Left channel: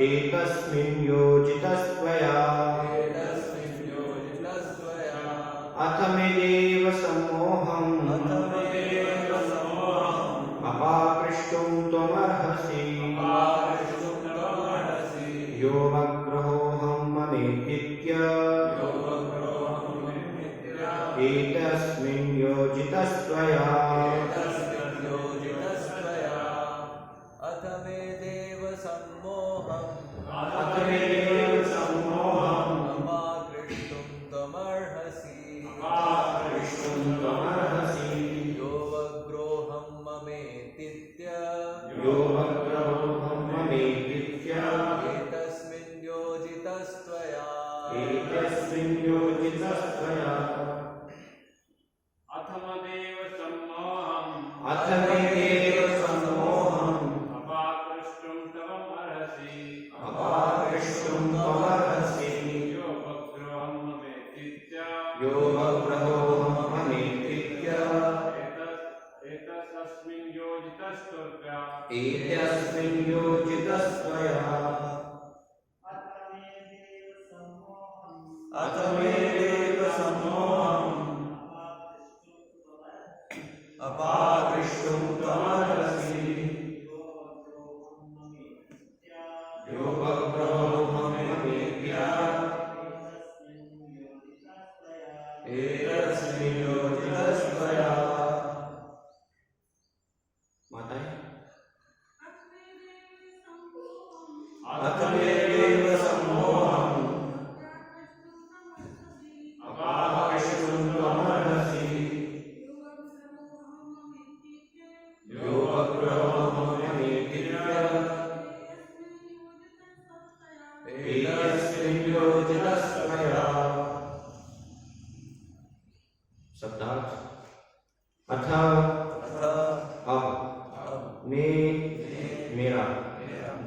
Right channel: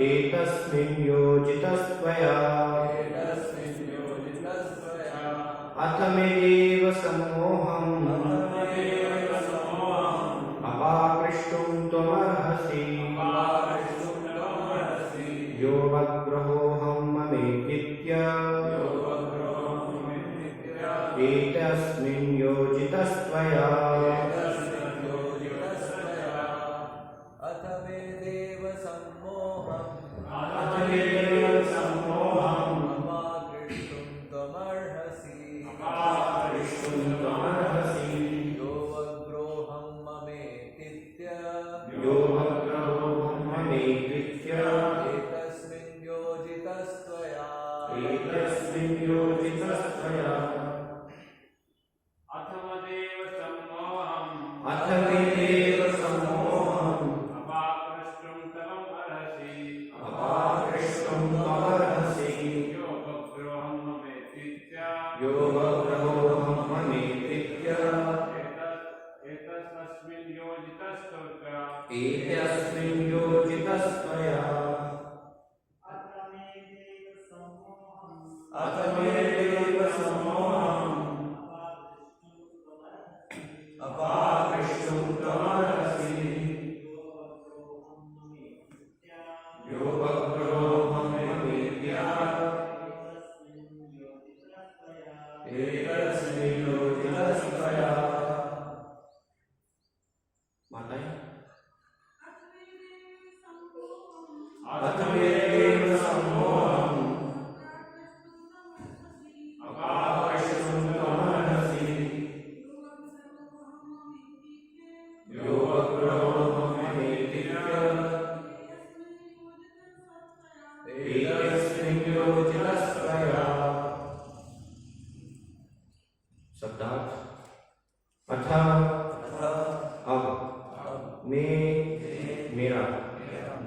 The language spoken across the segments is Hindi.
एतस्मिन् योजितस्त्वया अथ मे देव सम्मोहम् अपाकृष्टुं त्वमर्हसि योऽवग्रहोऽहं ममेत्य एतस्मिन् योजितस्त्वया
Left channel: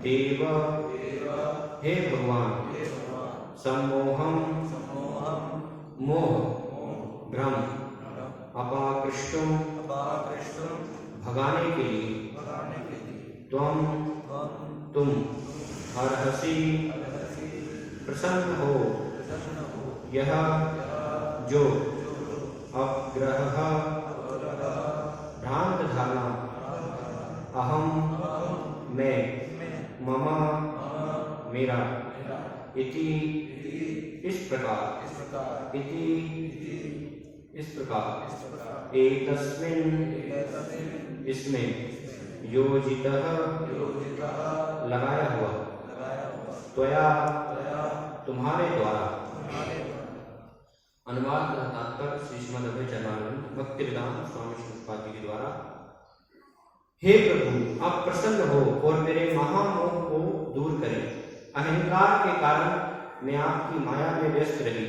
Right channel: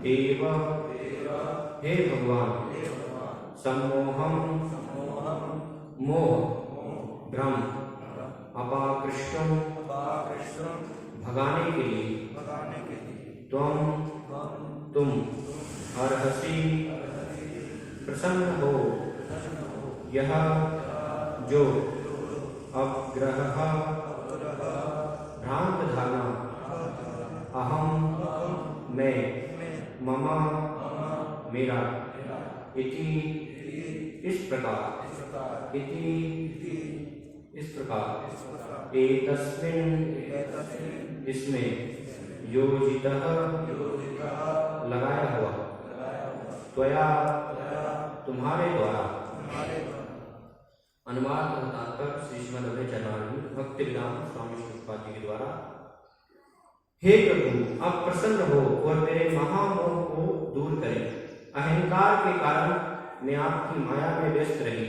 देव हे भगवान सम्मोहम मोह भ्रम अपाकृष्टुम भगाने के लिए तुम अर्हसि प्रसन्न हो यह जो अग्रह भ्रांत धारणा अहम मैं मम मेरा इति इस प्रकार एतस्मिन् इसमें योजितः लगाया हुआ त्वया तुम्हारे द्वारा। अनुवाद तात्पर्य श्री श्रीमद्भगवद्गीता भक्तिवेदांत स्वामी प्रभुपाद जी के द्वारा। हे प्रभु, आप प्रसन्न हो और मेरे महामोह को दूर करें। अहंकार के कारण मैं आपकी माया में व्यस्त रही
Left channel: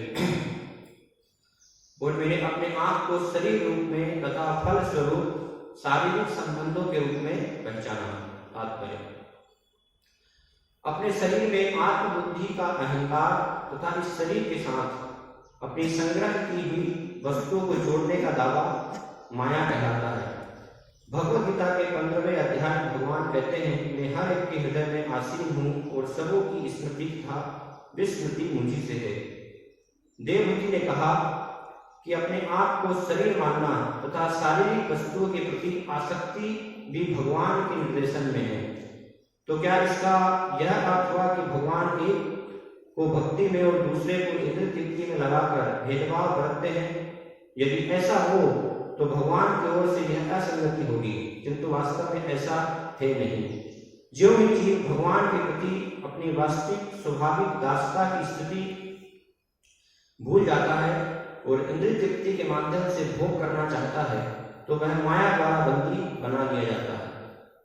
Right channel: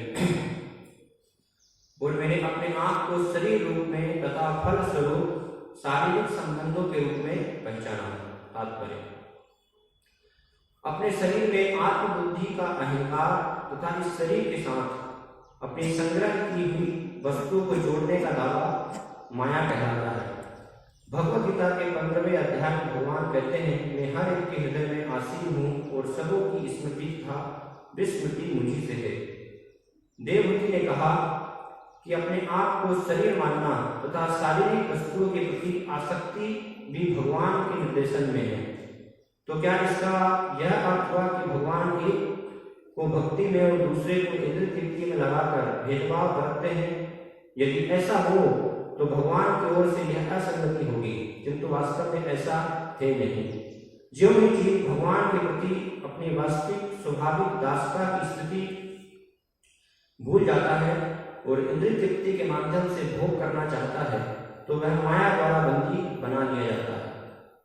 और मैंने अपने आप को शरीर रूप में तथा फल स्वरूप शारीरिक संबंधों के रूप में पहचाना। तात्पर्य, अपने शरीर में आत्मबुद्धि का अहंकार तथा इस शरीर के साथ अपनी संग्रह की हुई वस्तुओं को जोड़ने का दावा माया कहलाता है। भगवद गीता के 15वें अध्याय में भगवान कहते हैं, मैं हर एक के हृदय में आसीन हूँ और सबों की स्मृति तथा विस्मृति मुझी से है। देवहूति ने कहा कि अपने आप को शरीर मानना तथा शारीरिक वस्तुओं के प्रति आसक्ति भी भगवान के निर्देशन में है। तो क्या इसका यह अर्थ हुआ कि भगवान एक को भक्ति में और दूसरे को इंद्रिय तृप्ति में लगाकर भेदभाव करते हैं? यदि ऐसा हो तो भगवान की ओर से यह असंगति होगी, किंतु वास्तव में ऐसा है नहीं। जो भी जीव भगवान के प्रति अपनी वास्तविक स्वाभाविक दासता की स्थिति भूल जाता है और इंद्रिय तृप्ति के माध्यम से भोग करना चाहता है, तो वह माया द्वारा बंदी बना दिया जाता है।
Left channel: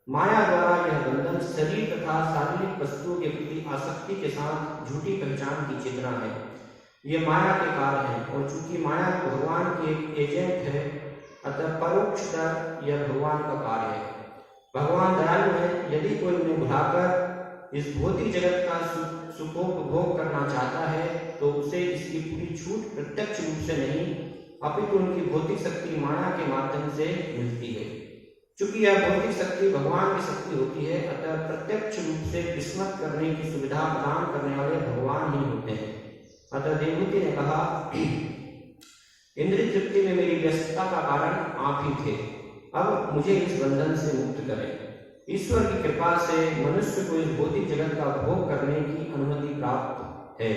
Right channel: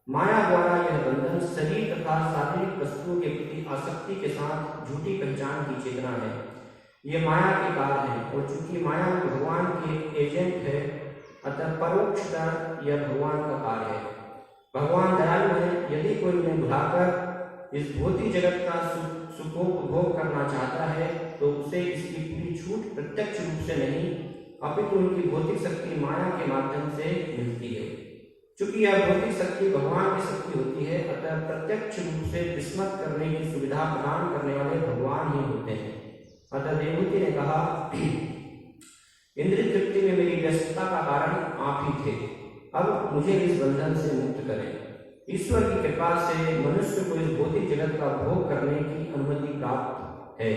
माया द्वारा यह बंधन शरीर तथा शारीरिक वस्तुओं के प्रति आसक्ति के साथ झूठी पहचान की चेतना है। ये माया के कार्य है और चूंकि माया भगवान के एजेंट है, अतः परोक्षतः यह भगवान का कार्य है। भगवान दयालु है। यदि कोई मुंह भुलाकर इस भौतिक जगत का सुखों उपभोग करना चाहता है तो उसे इसकी पूरी छूट प्रत्यक्ष रूप से नहीं, अपितु उनकी भौतिक शक्ति माया के माध्यम से मिलती है। चूंकि यह भौतिक शक्ति भगवान की शक्ति होती है, अतः प्रत्यक्ष रूप से विस्मृत करने की सुविधा प्रदान करने वाले भगवान ही होते हैं। अतः देवहूति ने कहा, इंद्रिय तृप्ति में मेरी व्यस्तता का कारण आप ही थे, अब मुझे इस बंधन से मुक्त करें। ईश्वर की कृपा से मनुष्य को इस भौतिक जगत का भोग करने की अनुमति प्राप्त है,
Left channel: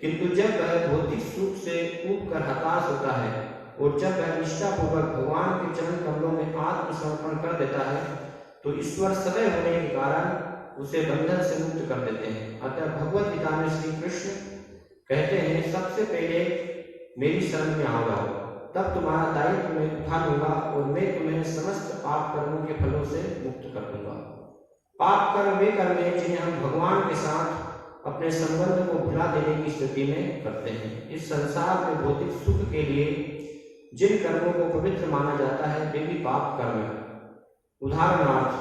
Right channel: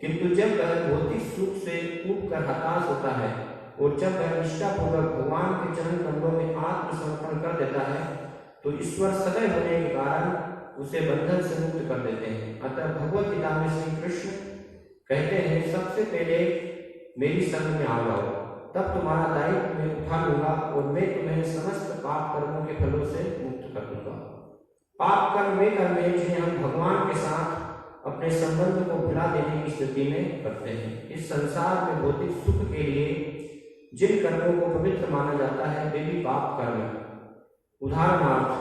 किंतु जब वह भौतिक सुख से ऊब कर हताश होता है और जब वह निष्ठापूर्वक भगवान के चरण कमलों में आत्मसमर्पण कर देता है, तो ईश्वर सदैव होने के कारण उसे बंधन से मुक्त कर देते हैं। अतः भगवत गीता में श्री कृष्ण कहते हैं, सबसे पहले मेरी शरण में आ जाओ, तब तुम्हारा दायित्व मैं उठा लूंगा और मैं तुम्हें समस्त पाप कर्मों के फलों से मुक्त कर दूंगा। पाप कर्म वे कर्म हैं जिन्हें हम भगवान के साथ अपने संबंध को भुला देने की स्थिति में करते हैं। इस संसार में भौतिक सुख के लिए जिन कर्मों को पवित्र माना जाता है वे भी पाप कर्म हैं। उदाहरणार्थ,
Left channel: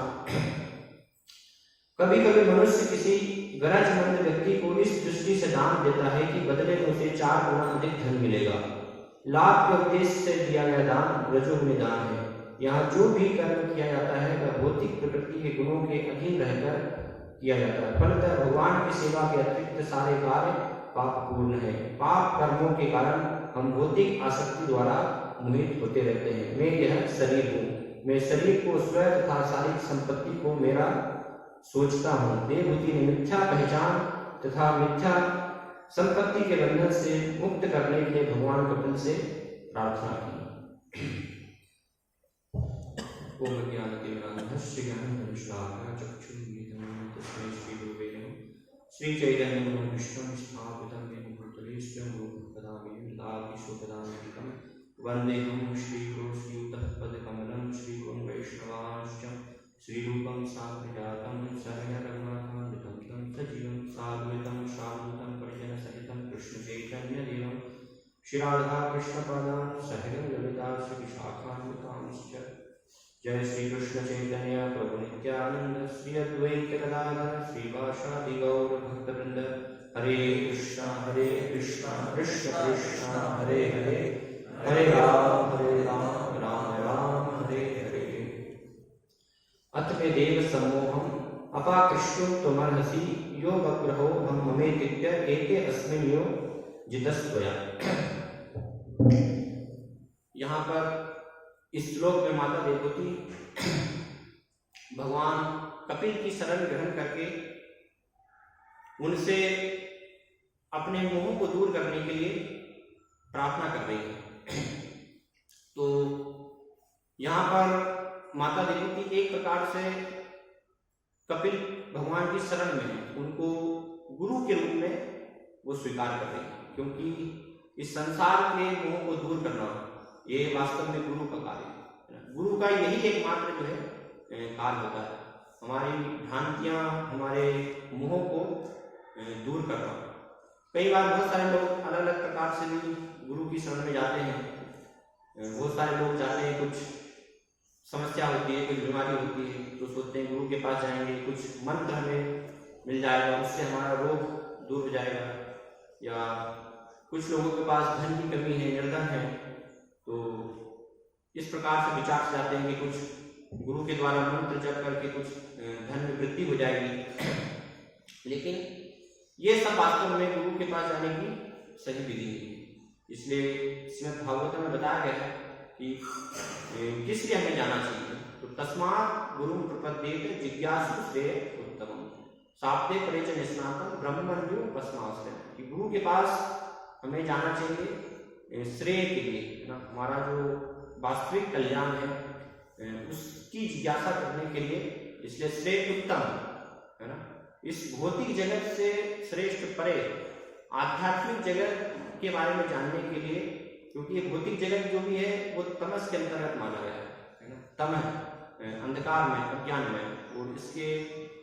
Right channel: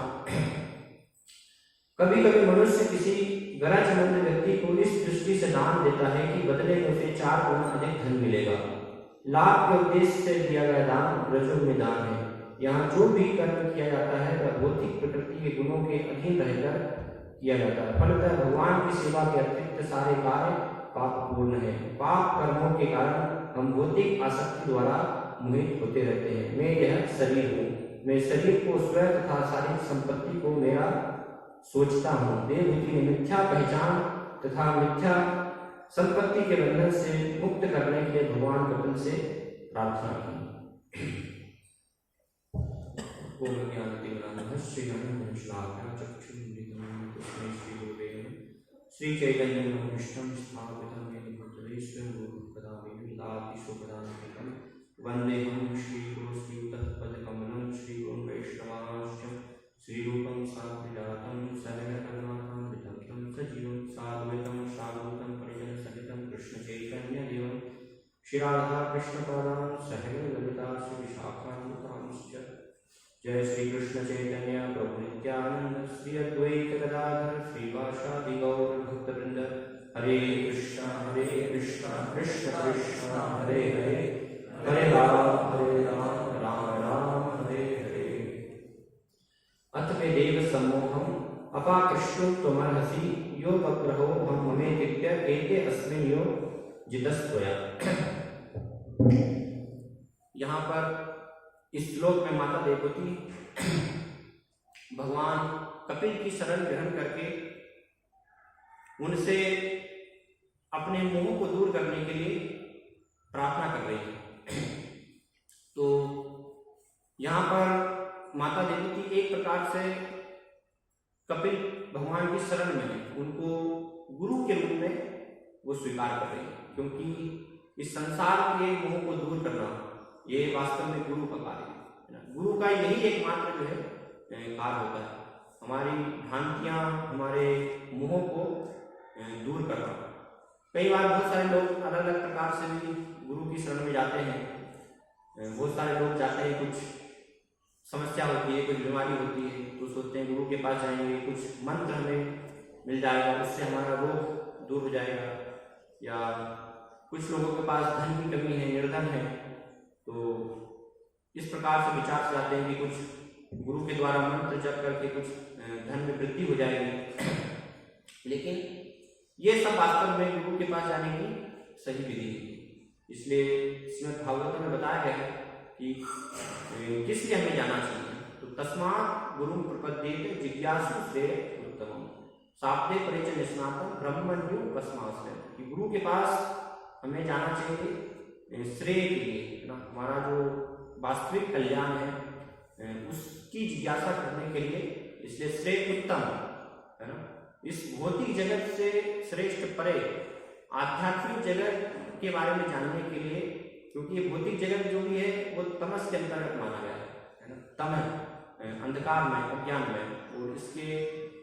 कभी कभी मनुष्य किसी गरजमंद व्यक्ति को इस दृष्टि से दान देता है कि बदले में उसे 4 गुना अधिक धन मिलेगा। लाभ के उद्देश्य से दिया गया दान रजोगुणी दान है। यहाँ जो भी कर्म किया जाता है वह भौतिक प्रकृति के गुणों के अधीन रहकर किया जाता है। फलतः भगवान की सेवा के अतिरिक्त सारे कार्य पापपूर्ण है। पाप कर्मों के कारण हम भौतिक आसक्ति द्वारा मोहित होते रहते हैं। मैं यह शरीर हूँ, मैं शरीर को स्वयं तथा शारीरिक संपत्ति को मेरा सोचता हूँ। देवहूति ने मिथ्या पहचान तथा मिथ्या संपत्ति के बंधन से मुक्त करने के लिए भगवान कपिल से प्रार्थना की। ओम ज्ञानतिमिरान्धः श्रीअनन्तविश्वासः चक्षुरुन्मीलितं तस्मै श्रीगुरवे नमः। श्रीचैतन्यं कृष्णं स्थापितं येन भूतले स्वयं रूपं वदामि ललाटेषु पदान्वितं। वन्देऽहं श्रीगुरुश्रीयुतः पदकमलं श्रीगुरुं वैष्णवांश्च श्रीरूपं साग्रजातं सहगणरघुनाथान्वितं तं सजीवं साद्वैतं सावधूतं परिजनसहितं कृष्णचैतन्यदेवं श्रीराधा कृष्णपादान् सहगणललिता श्रीविशाखान्वितांश्च। जय श्री कृष्ण चैतन्य प्रभु नित्यानंद श्री अद्वैत गदाधर श्रीवासादि गौर भक्तवृंद। हरे कृष्ण कृष्ण कृष्ण हरे हरे, हरे राम राम राम हरे हरे। अथ मे देव सम्मोहम अपाकृष्टो त्वमर्हसि यो बग्रहो ममेतित्य एते अस्मिन् यो जितस्त्वया। यहाँ पर इस श्लोक में माता देवहूति भगवान कपिल की शरण ग्रहण करके उनसे अपने मोह को दूर करने के लिए प्रार्थना कर रही है। तो यहाँ पर माता देवहूति एक प्रकार से कपिल भगवान की शरण में है, उनको गुरु के रूप में वो स्वीकार कर रही है, क्योंकि इस संसार के मोह को दूर करना ये वास्तव में गुरु का कार्य है। गुरु का यही एकमात्र जो है कार्य होता है, हमारी भ्रांतियां, हमारे मोह को दूर करना। कई बार बहुत सारे लोग अलग अलग प्रकार से भी गुरु की शरण में जाते हैं। बहुत सारे लोग जाते हैं, कुछ समस्या होती है, कुछ बीमारी होती है, तो सोचते हैं गुरु के पास जाएंगे, कुछ मंत्र हमें मिल जाएगा, उससे हमारा रोग दूर हो जाएगा। या कुछ लोगों के पास धन की कमी है, निर्धन है, तो इस प्रकार से विचार से जाते हैं कि कुछ गुरु के द्वारा मंत्र जप करके कुछ धन में वृद्धि हो जाएगी। लेकिन ये सब वास्तव में गुरु के पास जाने की सही विधि है। इसलिए श्रीमद् भागवत में बताया गया है कि किस लिए हमें जाना चाहिए। तो तस्मात् गुरु प्रपद्येत जिज्ञासु श्रेय उत्तमम शाब्दे परिचय स्नातम ब्रह्मण्यो उपस्माश्रय। कि गुरु के पास हमें जाना चाहिए श्रेय के लिए, है ना, हमारा जो वास्तविक कल्याण है उसकी जिज्ञासा करने के लिए। इसलिए श्रेय उत्तम, है ना, इस भौतिक जगत से श्रेष्ठ परे आध्यात्मिक जगत के बारे में जानने के लिए, क्योंकि ये भौतिक जगत जो भी है वो तमस के अंतर्गत माना गया है ना, तम है, अंधकार में, अज्ञान में, और इसके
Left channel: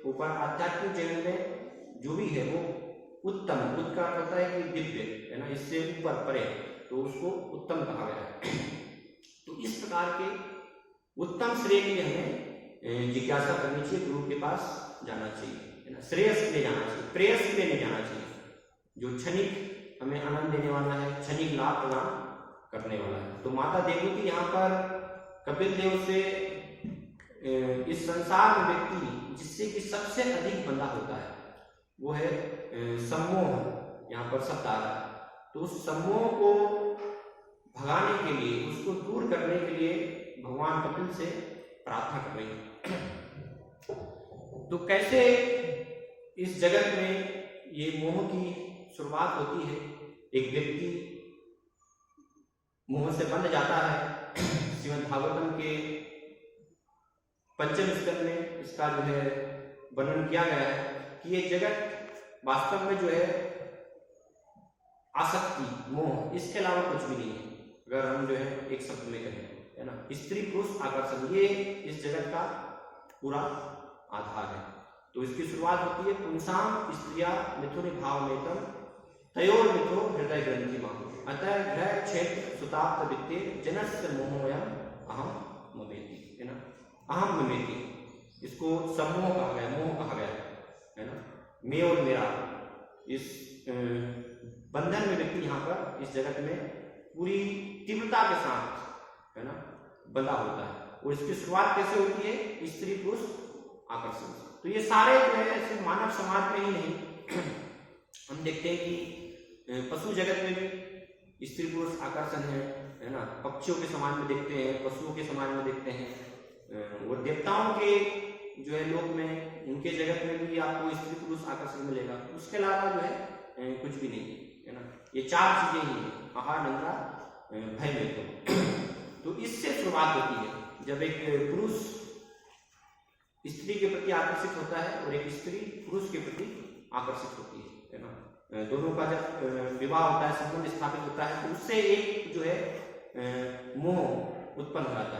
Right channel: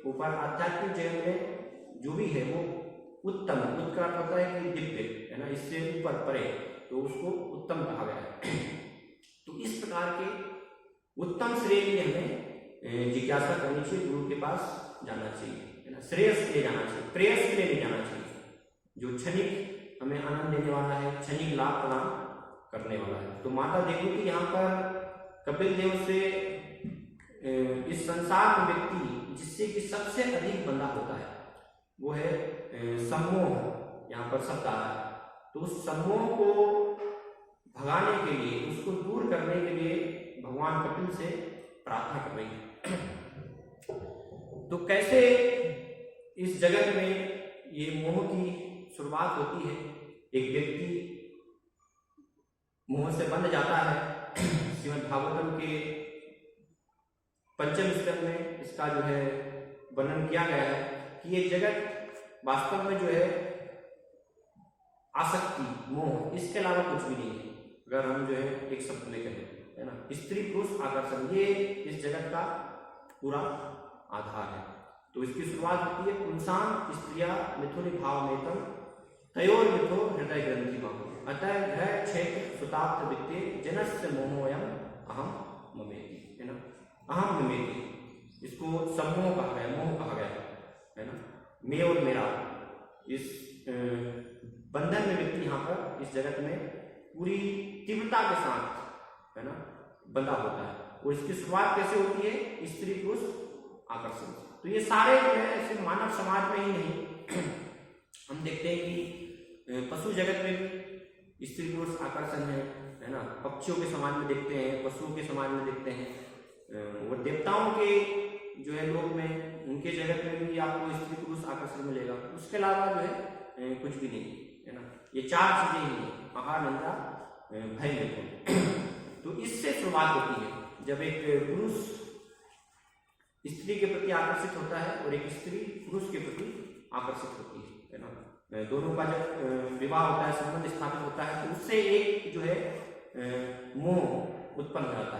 ऊपर आध्यात्मिक जगत में जो भी है वो उत्तम, उत्तर होता है कि दिव्य, है ना, इससे ऊपर परे, तो उसको उत्तम कहा गया है। तो इस प्रकार के उत्तम श्रेय के लिए हमें जिज्ञासा करनी चाहिए, गुरु के पास जाना चाहिए, है ना, श्रेयस के लिए जाना चाहिए, प्रेयस के लिए नहीं जाना चाहिए, जो क्षणिक हमें आनंद देने वाला है, क्षणिक लाभ प्रदान करने वाला है। तो माता देवहूति यहाँ पर कपिल देव से इस संसार में व्यक्ति जिससे कि सबसे अधिक बंधा होता है वो है सम्मोह। यहाँ पर शब्द आ रहा है, तो उस सम्मोह को भगाने के लिए, उसको दूर करने के लिए भगवान कपिल से प्रार्थना कर रही है। तो कैसे इस जगत में ये मोह की शुरुआत होती है? एक व्यक्ति मोह से बंध जाता है। श्रीमद् भागवतम के पंचम स्कंद में इसका जो है वर्णन किया गया है कि ये जगत वास्तव में जो है आसक्ति, मोह, इसके अलावा कुछ भी नहीं है। अगर हम जो है एक शब्द में कहें, है ना, स्त्री पुरुष आकर्षण, ये इस जगत का पूरा आधार है। तो इसकी शुरुआत होती है पुंसाम स्त्रिया मिथुन भाव मेतम तयोर मिथो हृदय ग्रंथि माहु अतः ग्रह क्षेत्र सुताप्त वित्ते जनस्य मोहोयम अहम ममेति, है ना, अहम ममेति। इसको सम्मोह कहा गया, मोह कहा गया है ना, मैं और मेरा। इस बंधन में व्यक्ति यहाँ पर इस जगत में पूरी तीव्रता के साथ, है ना, बंधा होता है। और इसकी शुरुआत कैसे होती है? स्त्री पुरुष आकर्षण। तो ये सारे जो है सिर्फ मानव समाज में ही नहीं, हम देखते हैं कि पशु जगत में भी स्त्री पुरुष आकर्षण है ना। पक्षियों के समाज में देखते हैं, पशुओं के समाज में देखते हैं, और देवताओं के जो है लोक में, उनके जगत में भी आपको स्त्री पुरुष आकर्षण मिलेगा। उसके अलावा जो है कुछ भी नहीं, है ना। ये चार चीजें ही हैं, आहार, निंदा, भय, निर्गुण। तो इससे शुरुआत होती है जब एक पुरुष स्त्री के प्रति आकर्षित होता है और एक स्त्री पुरुष के प्रति आकर्षित होती है ना। दोनों का जब विवाह होता है, संबंध स्थापित होता है, तो उससे एक जो है मोह उत्पन्न हो जाता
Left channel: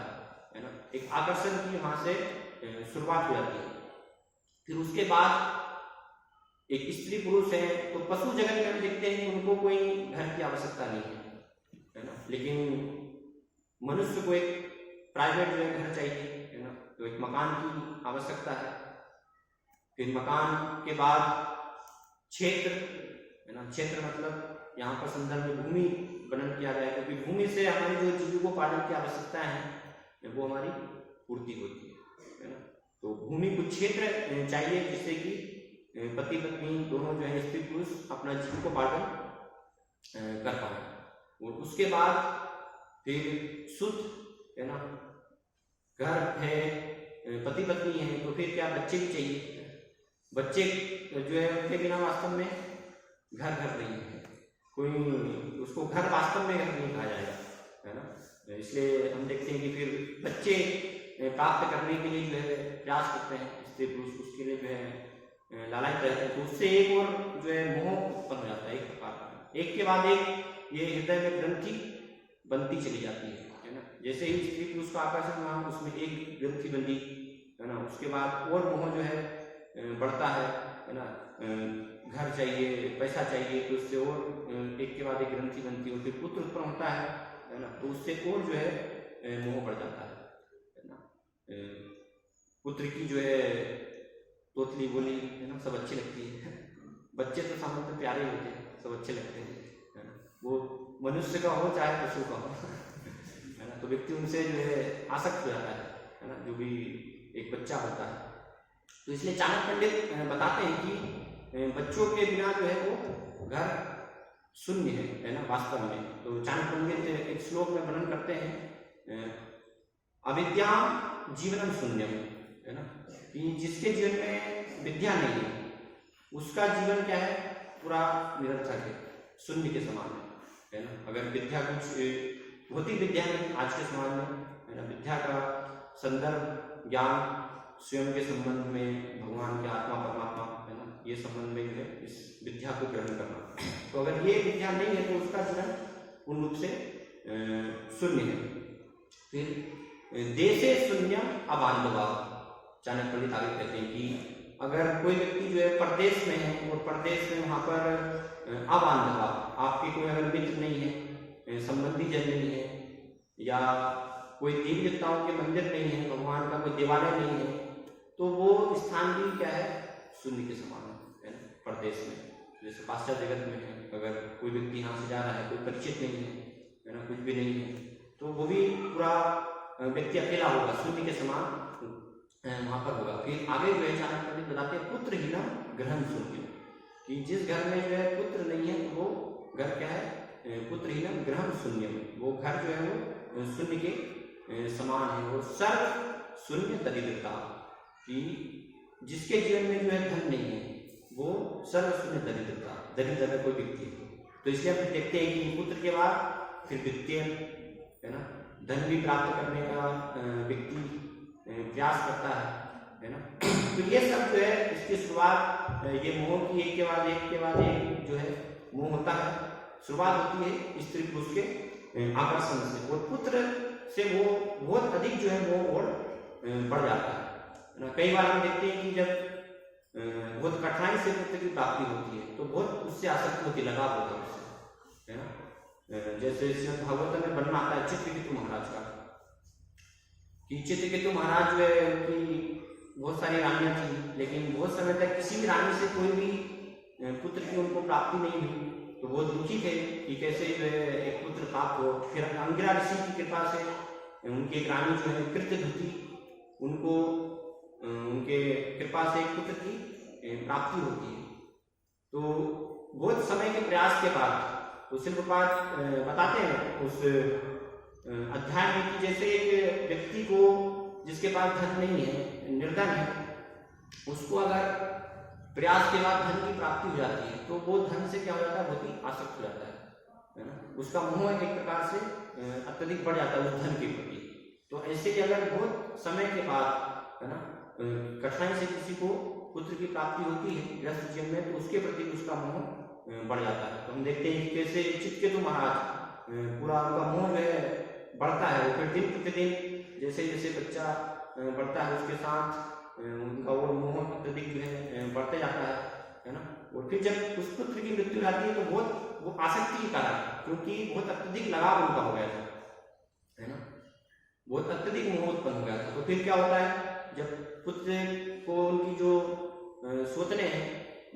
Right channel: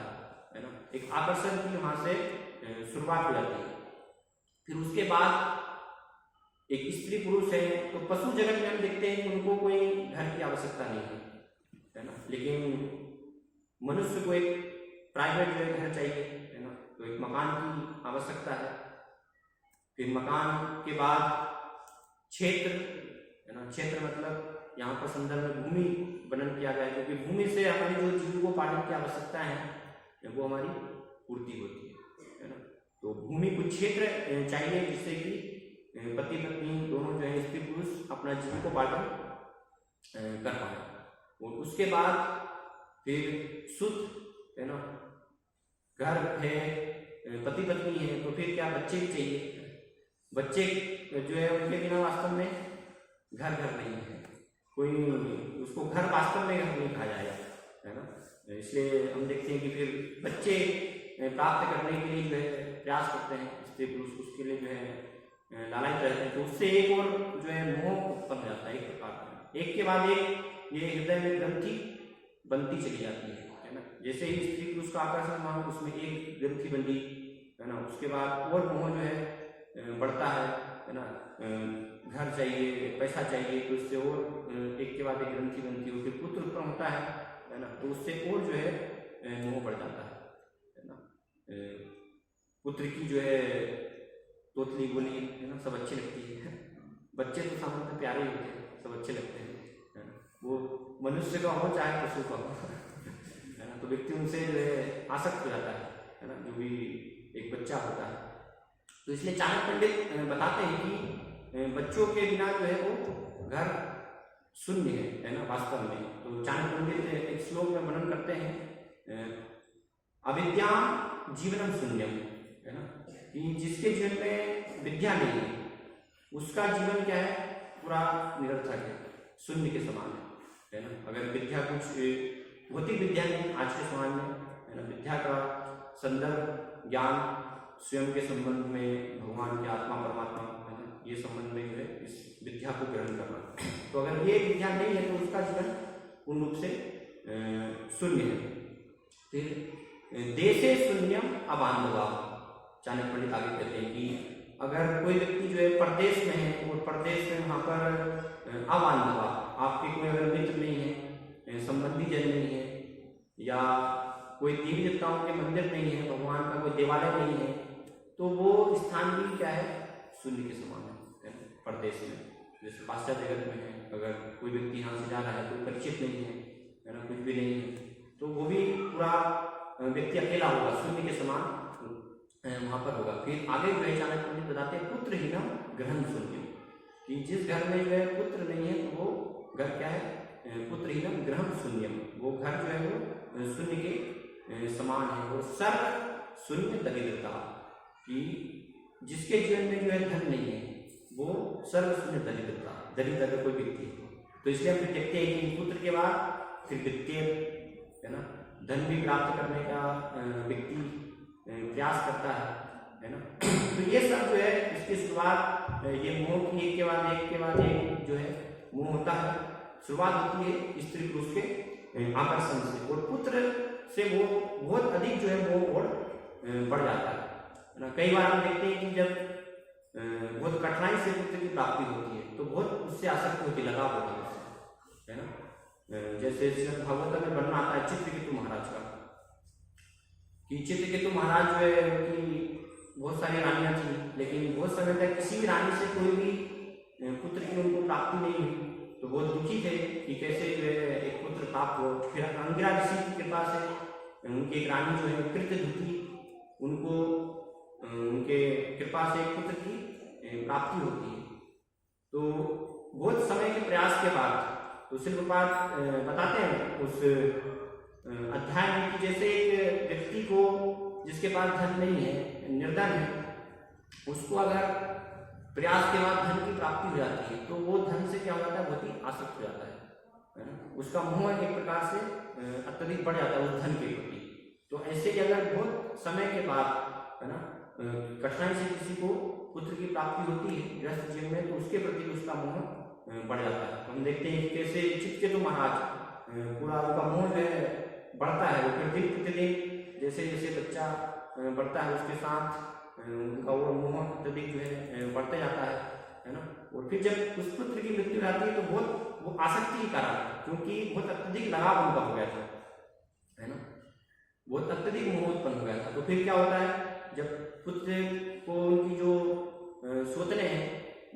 है ना। एक आकर्षण की वहां से शुरुआत हो जाती है। फिर उसके बाद एक स्त्री पुरुष है, तो पशु जगत में हम देखते हैं कि उनको कोई घर की आवश्यकता नहीं है ना। लेकिन मनुष्य को एक प्राइवेट जो है घर चाहिए, है ना। तो एक मकान की आवश्यकता है। फिर मकान के बाद क्षेत्र, है ना। क्षेत्र मतलब यहाँ पर संदर्भ में भूमि वर्णन किया गया है, क्योंकि भूमि से हमारी जो जीविकोपार्जन की आवश्यकताएं हैं वो हमारी पूर्ति होती है ना। तो भूमि कुछ क्षेत्र चाहिए जिससे कि पति पत्नी दोनों जो है, स्त्री पुरुष, अपना जीविकोपार्जन कर पाए। और उसके बाद फिर शुद्ध, है ना, घर है, पति पत्नी है, तो फिर क्या बच्चे भी चाहिए। बच्चे जो है उनके बिना वास्तव में घर नहीं है, कोई उसको घर वास्तव में घर नहीं कहा जाएगा, है ना। इसलिए हम देखते हैं कि फिर बच्चे प्राप्त करने के लिए जो है प्रयास करते हैं स्त्री पुरुष, उसके लिए जो है लालायित रहते हैं। तो उससे एक और जो है मोह उत्पन्न हो जाता है, एक प्रकार का, एक के बाद एक ये हृदय में ग्रंथि बनती चली जाती है ना। जैसे ही स्त्री पुरुष का आकर्षण हुआ, उसमें एक ग्रंथि बंधी, है ना। उसके बाद और मोह जो है बढ़ता है ना। घर चाहिए, पैसा चाहिए, तो इससे और एक के बाद एक ग्रंथि बनती है। फिर पुत्र उत्पन्न होता है ना, तो उससे और जो है मोह बढ़ जाता है ना। पुत्र की जो है तोतली बोली, है ना, सब अच्छी लगती है। बच्चे तो सामान्य प्यारे ही होते हैं, सब अच्छे लगते हैं, है ना। वो मनुष्य का हो चाहे पशु का हो, है ना। तो व्यक्ति उनसे जो है आसक्त हो जाता है ना, जो भी एक बच्चा होता है। तो इसलिए चाणक्य पंडित बताते हैं कि बच्चों के बिना जो है वो घर शून्य है ना, वास्तव में। तो चाणक्य पंडित एक श्लोक में वर्णन करते हैं, अविद्या जीवनम शून्यम, है ना, कि जिसके जीवन में विद्या नहीं है उसका जीवन क्या है, पूरा निरर्थक है, शून्य के समान है ना। अगर विद्या कुछ होती, विद्या नहीं आज के समाज में, है ना। विद्या का संदर्भ ज्ञान, स्वयं के संबंध में, भगवान के आत्मा परमात्मा, है ना, ये संबंध में जो है इस विद्या को ग्रहण करना। तो अगर ये विद्या नहीं है तो उसका जीवन पूर्ण रूप से शून्य है। फिर देशे शून्यम अबांधवा, चाणक्य पंडित आगे कहते हैं कि अगर कोई व्यक्ति जो है परदेश में है और परदेश में वहाँ पर अबांधवा, आपके कोई अगर मित्र नहीं है, संबंधी जन नहीं है, या कोई देवी देवताओं के मंदिर नहीं है, भगवान का कोई देवालय नहीं है, तो वो स्थान भी क्या है, शून्य के समान है ना। परदेश में जैसे पाश्चात्य जगत में है, अगर कोई व्यक्ति यहाँ से जा रहा है, कोई परिचित नहीं है ना, कुछ भी नहीं है, तो वो भी पूरा व्यक्ति अकेला होगा, शून्य के समान वहां पर होगा। फिर आगे जो है चाणक्य पंडित बताते हैं पुत्रहीनम गृहं शून्यम, कि जिस घर में जो है पुत्र नहीं है तो वो घर क्या है, पुत्रहीनम गृहं शून्यम, वो घर जो है वो शून्य के समान है। और सर्व शून्य दरिद्रता, कि जिसके जीवन में जो है धन नहीं है वो सर्व शून्य दरिद्रता, दरिद्र अगर कोई व्यक्ति है तो इसलिए हम देखते हैं कि पुत्र के बाद फिर वित्तीय है ना धन भी प्राप्त करने का व्यक्ति प्रयास करता है ना। तो ये सब जो है इसकी शुरुआत ये मोह की एक के बाद एक जो है मोह होता है, शुरुआत होती है स्त्री पुरुष के आकर्षण से, और पुत्र से वो बहुत अधिक जो है मोह और बढ़ जाता है ना। कई बार हम देखते हैं कि जब बहुत कठिनाई से पुत्र की प्राप्ति होती है तो बहुत उससे आसक्ति होती, लगाव होता है उससे, है ना। जैसे भागवत में वर्णन आता है चित्रकेतु महाराज का, कि चित्रकेतु महाराज जो है उनकी बहुत सारी रानियां थी, लेकिन बहुत समय तक किसी भी रानी से कोई भी पुत्र की उनको प्राप्ति नहीं हुई, तो बहुत दुखी थे कि कैसे जो है एक पुत्र प्राप्त हो। फिर अंगिरा ऋषि की कृपा से उनकी एक रानी जो है कृत्यधुति, उनको उनके कृपा से एक पुत्र की प्राप्ति होती है। तो बहुत समय के प्रयास के बाद तो शिल प्रपात बताते हैं उस अध्याय में कि जैसे एक व्यक्ति को जिसके पास धन नहीं है, निर्धन है, उसको अगर प्रयास के बाद धन की प्राप्ति हो जाती है तो वो धन से क्या हो जाता है, बहुत ही आसक्त हो जाता है ना। उसका मोह एक प्रकार से अत्यधिक बढ़ जाता है उस धन के प्रति। तो ऐसे ही अगर बहुत समय के बाद है ना कठिनाई से किसी को पुत्र की प्राप्ति होती है गृहस्थ जीवन में, तो उसके प्रति उसका मोह बढ़ जाता है। तो हम देखते हैं कैसे चित्रकेतु महाराज पूरा उनका मोह जो है बढ़ता है, वो फिर दिन प्रतिदिन जैसे जैसे बच्चा बढ़ता है उसके साथ उनका वो मोह अत्यधिक जो है बढ़ते जाता है ना। और फिर जब उस पुत्र की मृत्यु जाती है तो बहुत वो आसक्ति के कारण, क्योंकि बहुत अत्यधिक लगाव उनका हो गया था, है ना, बहुत अत्यधिक मोह उत्पन्न हो गया था। तो फिर क्या होता है, जब पुत्र को उनकी जो सोचने हैं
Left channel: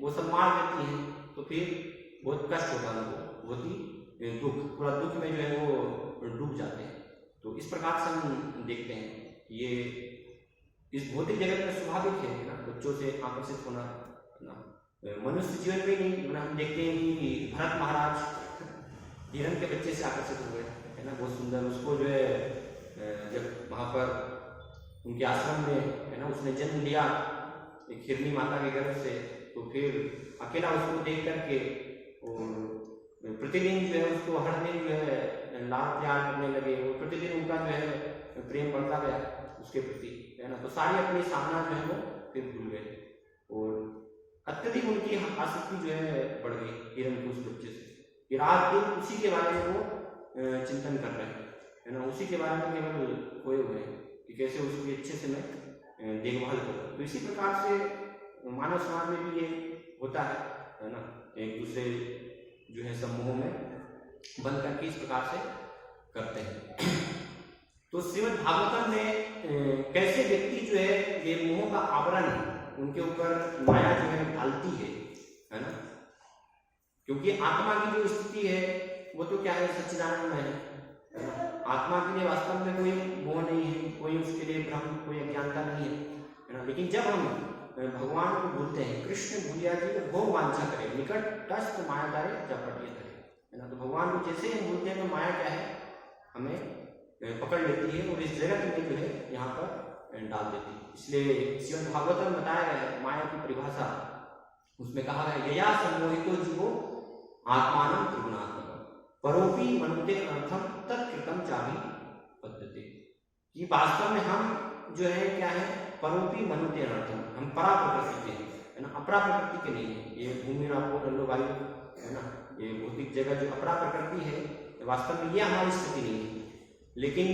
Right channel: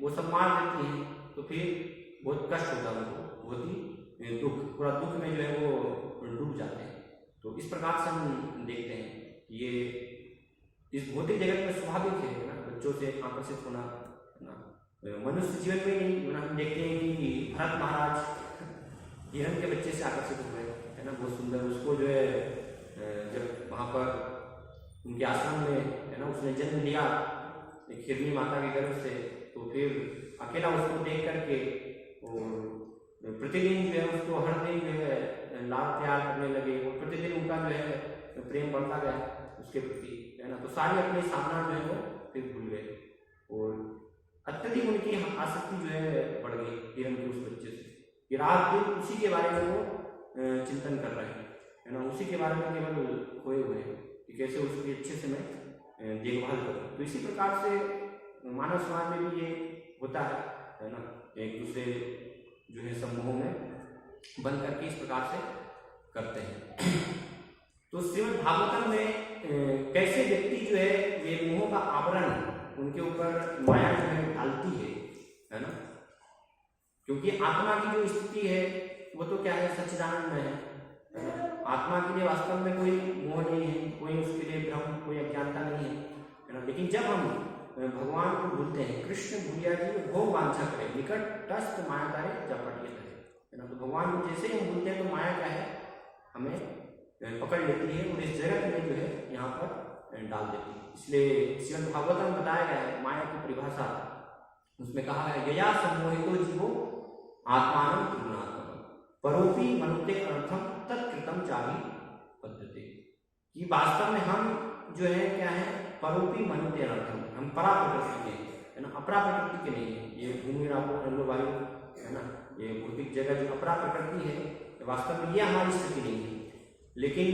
वो सब मार देती हैं तो फिर बहुत कष्ट होता है उनको, बहुत ही दुख, पूरा दुख में जो है वो डूब जाते हैं। तो इस प्रकार से हम देखते हैं ये इस भौतिक जगत में स्वाभाविक है ना, बच्चों से आकर्षित होना ना, मनुष्य जीवन में नहीं। हम देखते हैं कि भरत महाराज हिरण के बच्चे से आकर्षित हुए है ना, बहुत सुंदर, उसको जो है जब वहाँ पर उनके आश्रम में है ना उसने जन्म लिया एक हिरणी माता के गर्भ से, तो फिर अकेला उसको देख करके और प्रतिदिन जो है उसको हर दिन जो है लाड प्यार करने लगे, और प्रतिदिन उनका जो है प्रेम बढ़ता गया उसके प्रति, है ना। तो सारी अपनी सामना जो है वो फिर भूल गए और अत्यधिक उनकी आसक्ति जो है बढ़ गई हिरण के उस बच्चे से, कि रात दिन उसी के बारे में वो चिंतन कर रहे हैं, है ना, उसी के बारे में केवल खोए हुए हैं कि कैसे उसकी अच्छे से मैं देखभाल करूँ। तो इसी प्रकार से मानव समाज में भी ये होता है ना, एक दूसरे जो है समूह में बन करके इस प्रकार से करते हैं। तो श्रीमद् भागवतम में कैसे व्यक्ति जो है ये मोह का आवरण उनके ऊपर माया जो है डालती है ना, क्योंकि आत्मा की जो स्थिति है वो तो क्या है, सच्चिदानंद में है ना। आत्मा के लिए वास्तव में कोई मोह नहीं है, कोई उसके लिए भ्रम, कोई अज्ञानता नहीं है ना। लेकिन जब हम भगवान को भूलते हैं, कृष्ण भूलिया जी भोग वांछा करें निकट तस्त माया तारे चपटिए धरे, है ना। तो भगवान को जैसे ही हम भूलते हैं तो माया क्या है, हमें पकड़ लेती है और इस जगत में जो है यहाँ पर डाल देती है। इसलिए श्रीमद् भागवत में बताया गया है माया की परिभाषा, उसमें कहा गया है यया सम्मोहितो जीवो आत्मानं त्रिगुणात्मकम् परोपि मनुते अर्थम तत्कृतम चाभि पद्धति, कि वास्तव में हम जो है क्या है, परोपी मनुते अर्थम, हम परा प्रकृति के है ना, अपरा प्रकृति के नहीं है। ये भूमि रापो नलो वायु है ना, ये भौतिक जगह जो अपरा प्रकृति है वास्तव में ये हमारी स्थिति नहीं है। लेकिन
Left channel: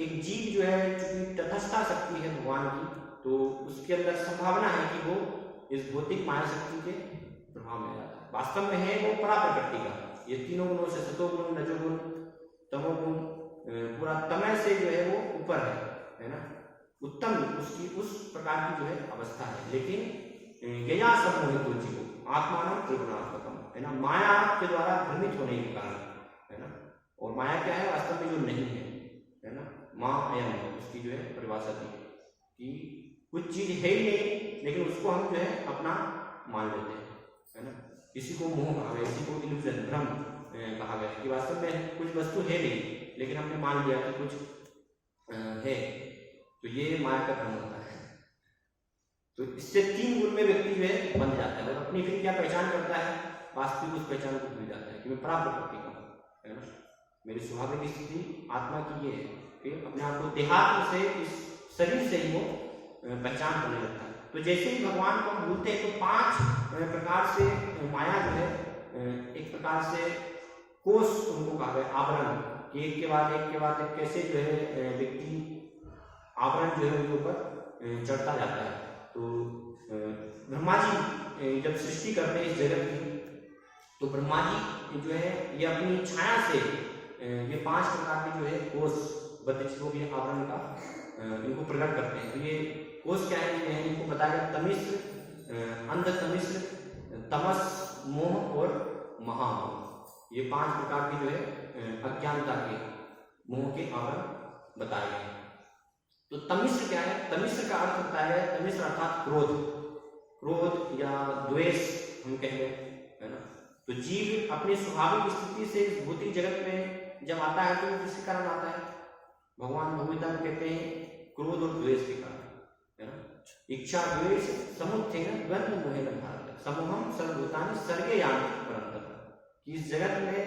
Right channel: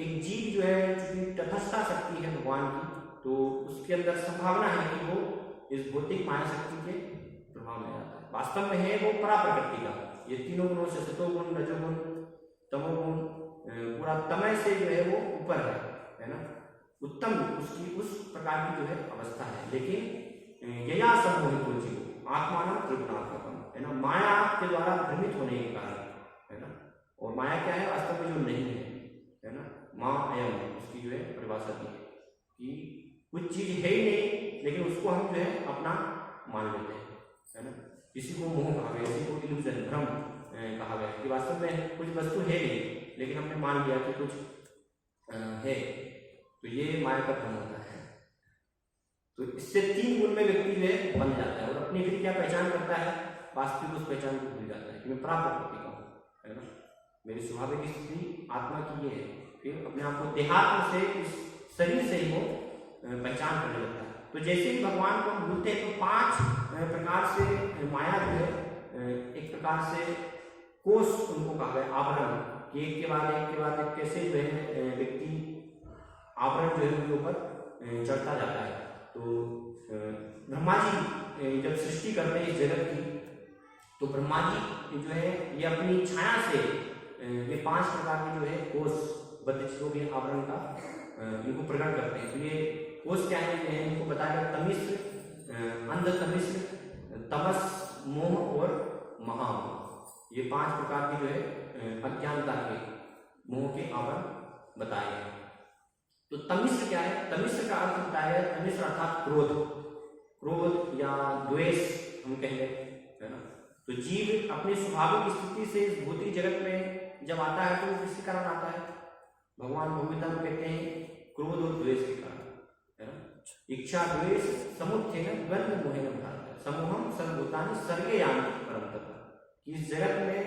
एक जीव जो है चूंकि तटस्थता शक्ति है भगवान की, तो उसके अंदर संभावना है कि वो इस भौतिक माया शक्ति के प्रभाव में आता है। वास्तव में है वो परा प्रकृति का, ये तीनों गुणों से सतोगुण रजोगुण तमोगुण पूरा तमय से जो है वो ऊपर है ना, उत्तम उसकी उस प्रकार की जो है अवस्था है। लेकिन यया सम्मोहितो जीवो आत्मानं त्रिगुणात्मकम्, है ना, माया के द्वारा भ्रमित होने के कारण, है ना। और माया क्या है, वास्तव में जो नहीं है ना, माँ अयम उसकी जो है परिभाषा दी है कि कुछ चीज है ही नहीं लेकिन उसको हम जो है अपना मान लेते हैं, है ना। किसी को मोह कहा गया, किसी को इल्यूजन, भ्रम कहा गया कि वास्तव में कुछ वस्तु है नहीं लेकिन हमने मान लिया कि कुछ है, तो ये माया का भ्रम होता है। तो इससे 3 गुण में व्यक्ति जो है बन जाता है और अपनी फिर क्या पहचान करता है, वास्तविक उस पहचान को भूल जाता है कि मैं प्राप्त प्रकृति का हूँ, है ना। मेरी स्वाभाविक स्थिति आत्मा की ये है, फिर अपने आप को देहात्म से, इस शरीर से ही वो पहचान करने लगता है। तो जैसे ही भगवान को हम भूलते हैं तो 5 प्रकार से माया जो है, एक प्रकार से कोष उनको कहा गया, आवरण, कि एक के बाद एक कैसे जो है व्यक्ति आवरण जो है उनके ऊपर चढ़ता जाता है। तो ब्रह्मा जी जब सृष्टि करते हैं इस जगत की, तो ब्रह्मा जी जो है ये अपनी छाया से ये 5 प्रकार के जो है कोष बद्धों के आवरण का इनको प्रकट करते हैं। तो ये कोष क्या है, इनको बताया तमिश्र, अंध तमिश्र, तमस, मोह और महामोह, ये 5 प्रकार की जो है अज्ञानता के, मोह के आवरण बताए गए। तो तमिश्र क्या है, तमिश्र का अर्थ होता है, तमिश्र अर्थात क्रोध, क्रोध या द्वेष हम कह लें, है ना। तो जीव अपनी स्वाभाविक स्थिति से इस भौतिक जगत में जब आता है तो वो किसके कारण आता है, भगवान भगवता को कहते हैं क्रोध और द्वेष के कारण, है ना। इच्छा द्वेष समुत्थेन द्वंद्व मोहेन भारत समूहम सर्वभूतानि सर्गे यान्ति परन्तप, कि इस जगत में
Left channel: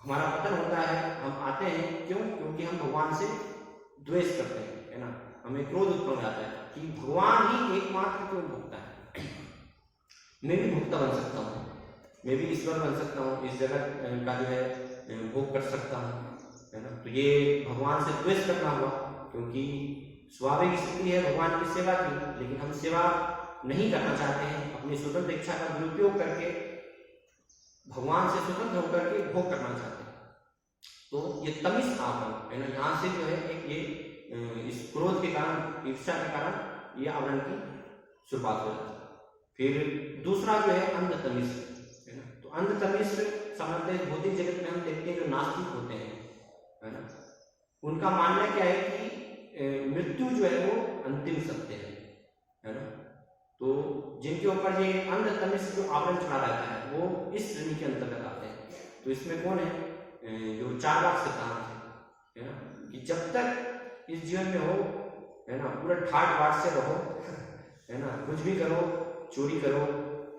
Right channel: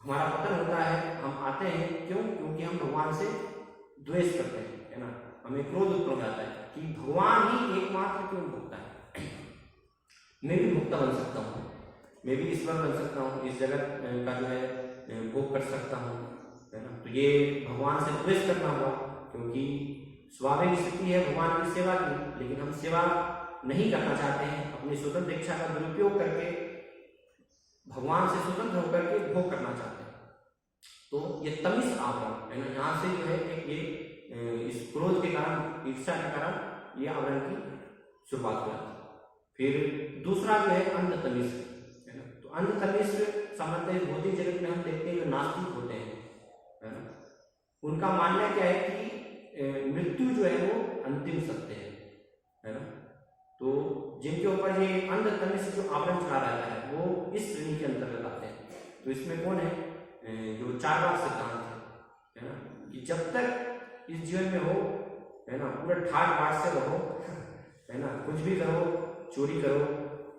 हमारा पतन होता है, हम आते हैं क्यों, क्योंकि हम भगवान से द्वेष करते हैं, है ना। हमें क्रोध उत्पन्न हो जाता है कि भगवान ही एकमात्र क्यों भोगता है, मैं भी भोक्ता बन सकता हूँ, मैं भी ईश्वर बन सकता हूँ, इस जगत का जो है भोग कर सकता हूँ, है ना। तो ये भगवान से द्वेष करना हुआ, क्योंकि स्वाभाविक स्थिति है भगवान की सेवा की, लेकिन हम सेवा नहीं करना चाहते हैं, अपनी स्वतंत्र इच्छा का दुरुपयोग करके भगवान से स्वतंत्र होकर के भोग करना चाहते हैं। तो ये तमिस आवरण है ना, यहाँ से जो है एक ये इस क्रोध के कारण, ईर्ष्या के कारण ये आवरण की शुरुआत हो जाती है। फिर दूसरा जो है अंध तमिश्र, है ना। तो अंध तमिश्र सामान्यतः भौतिक जगत में हम देखते हैं जो नास्तिक होते हैं, है ना, उनका मानना क्या है कि मृत्यु जो है वो अंतिम सत्य है ना। तो जिनके ऊपर ये अंध तमिश्र जो आवरण चढ़ा रहता है वो इस श्रेणी के अंतर्गत आते हैं। तो इसमें कौन है, जो 4 भाग सिद्धांत है ना, कि जब तक इस जीवन में हो, है ना, पूरा ठाट बाट से रहो, है ना, कुछ भी करो, चोरी करो,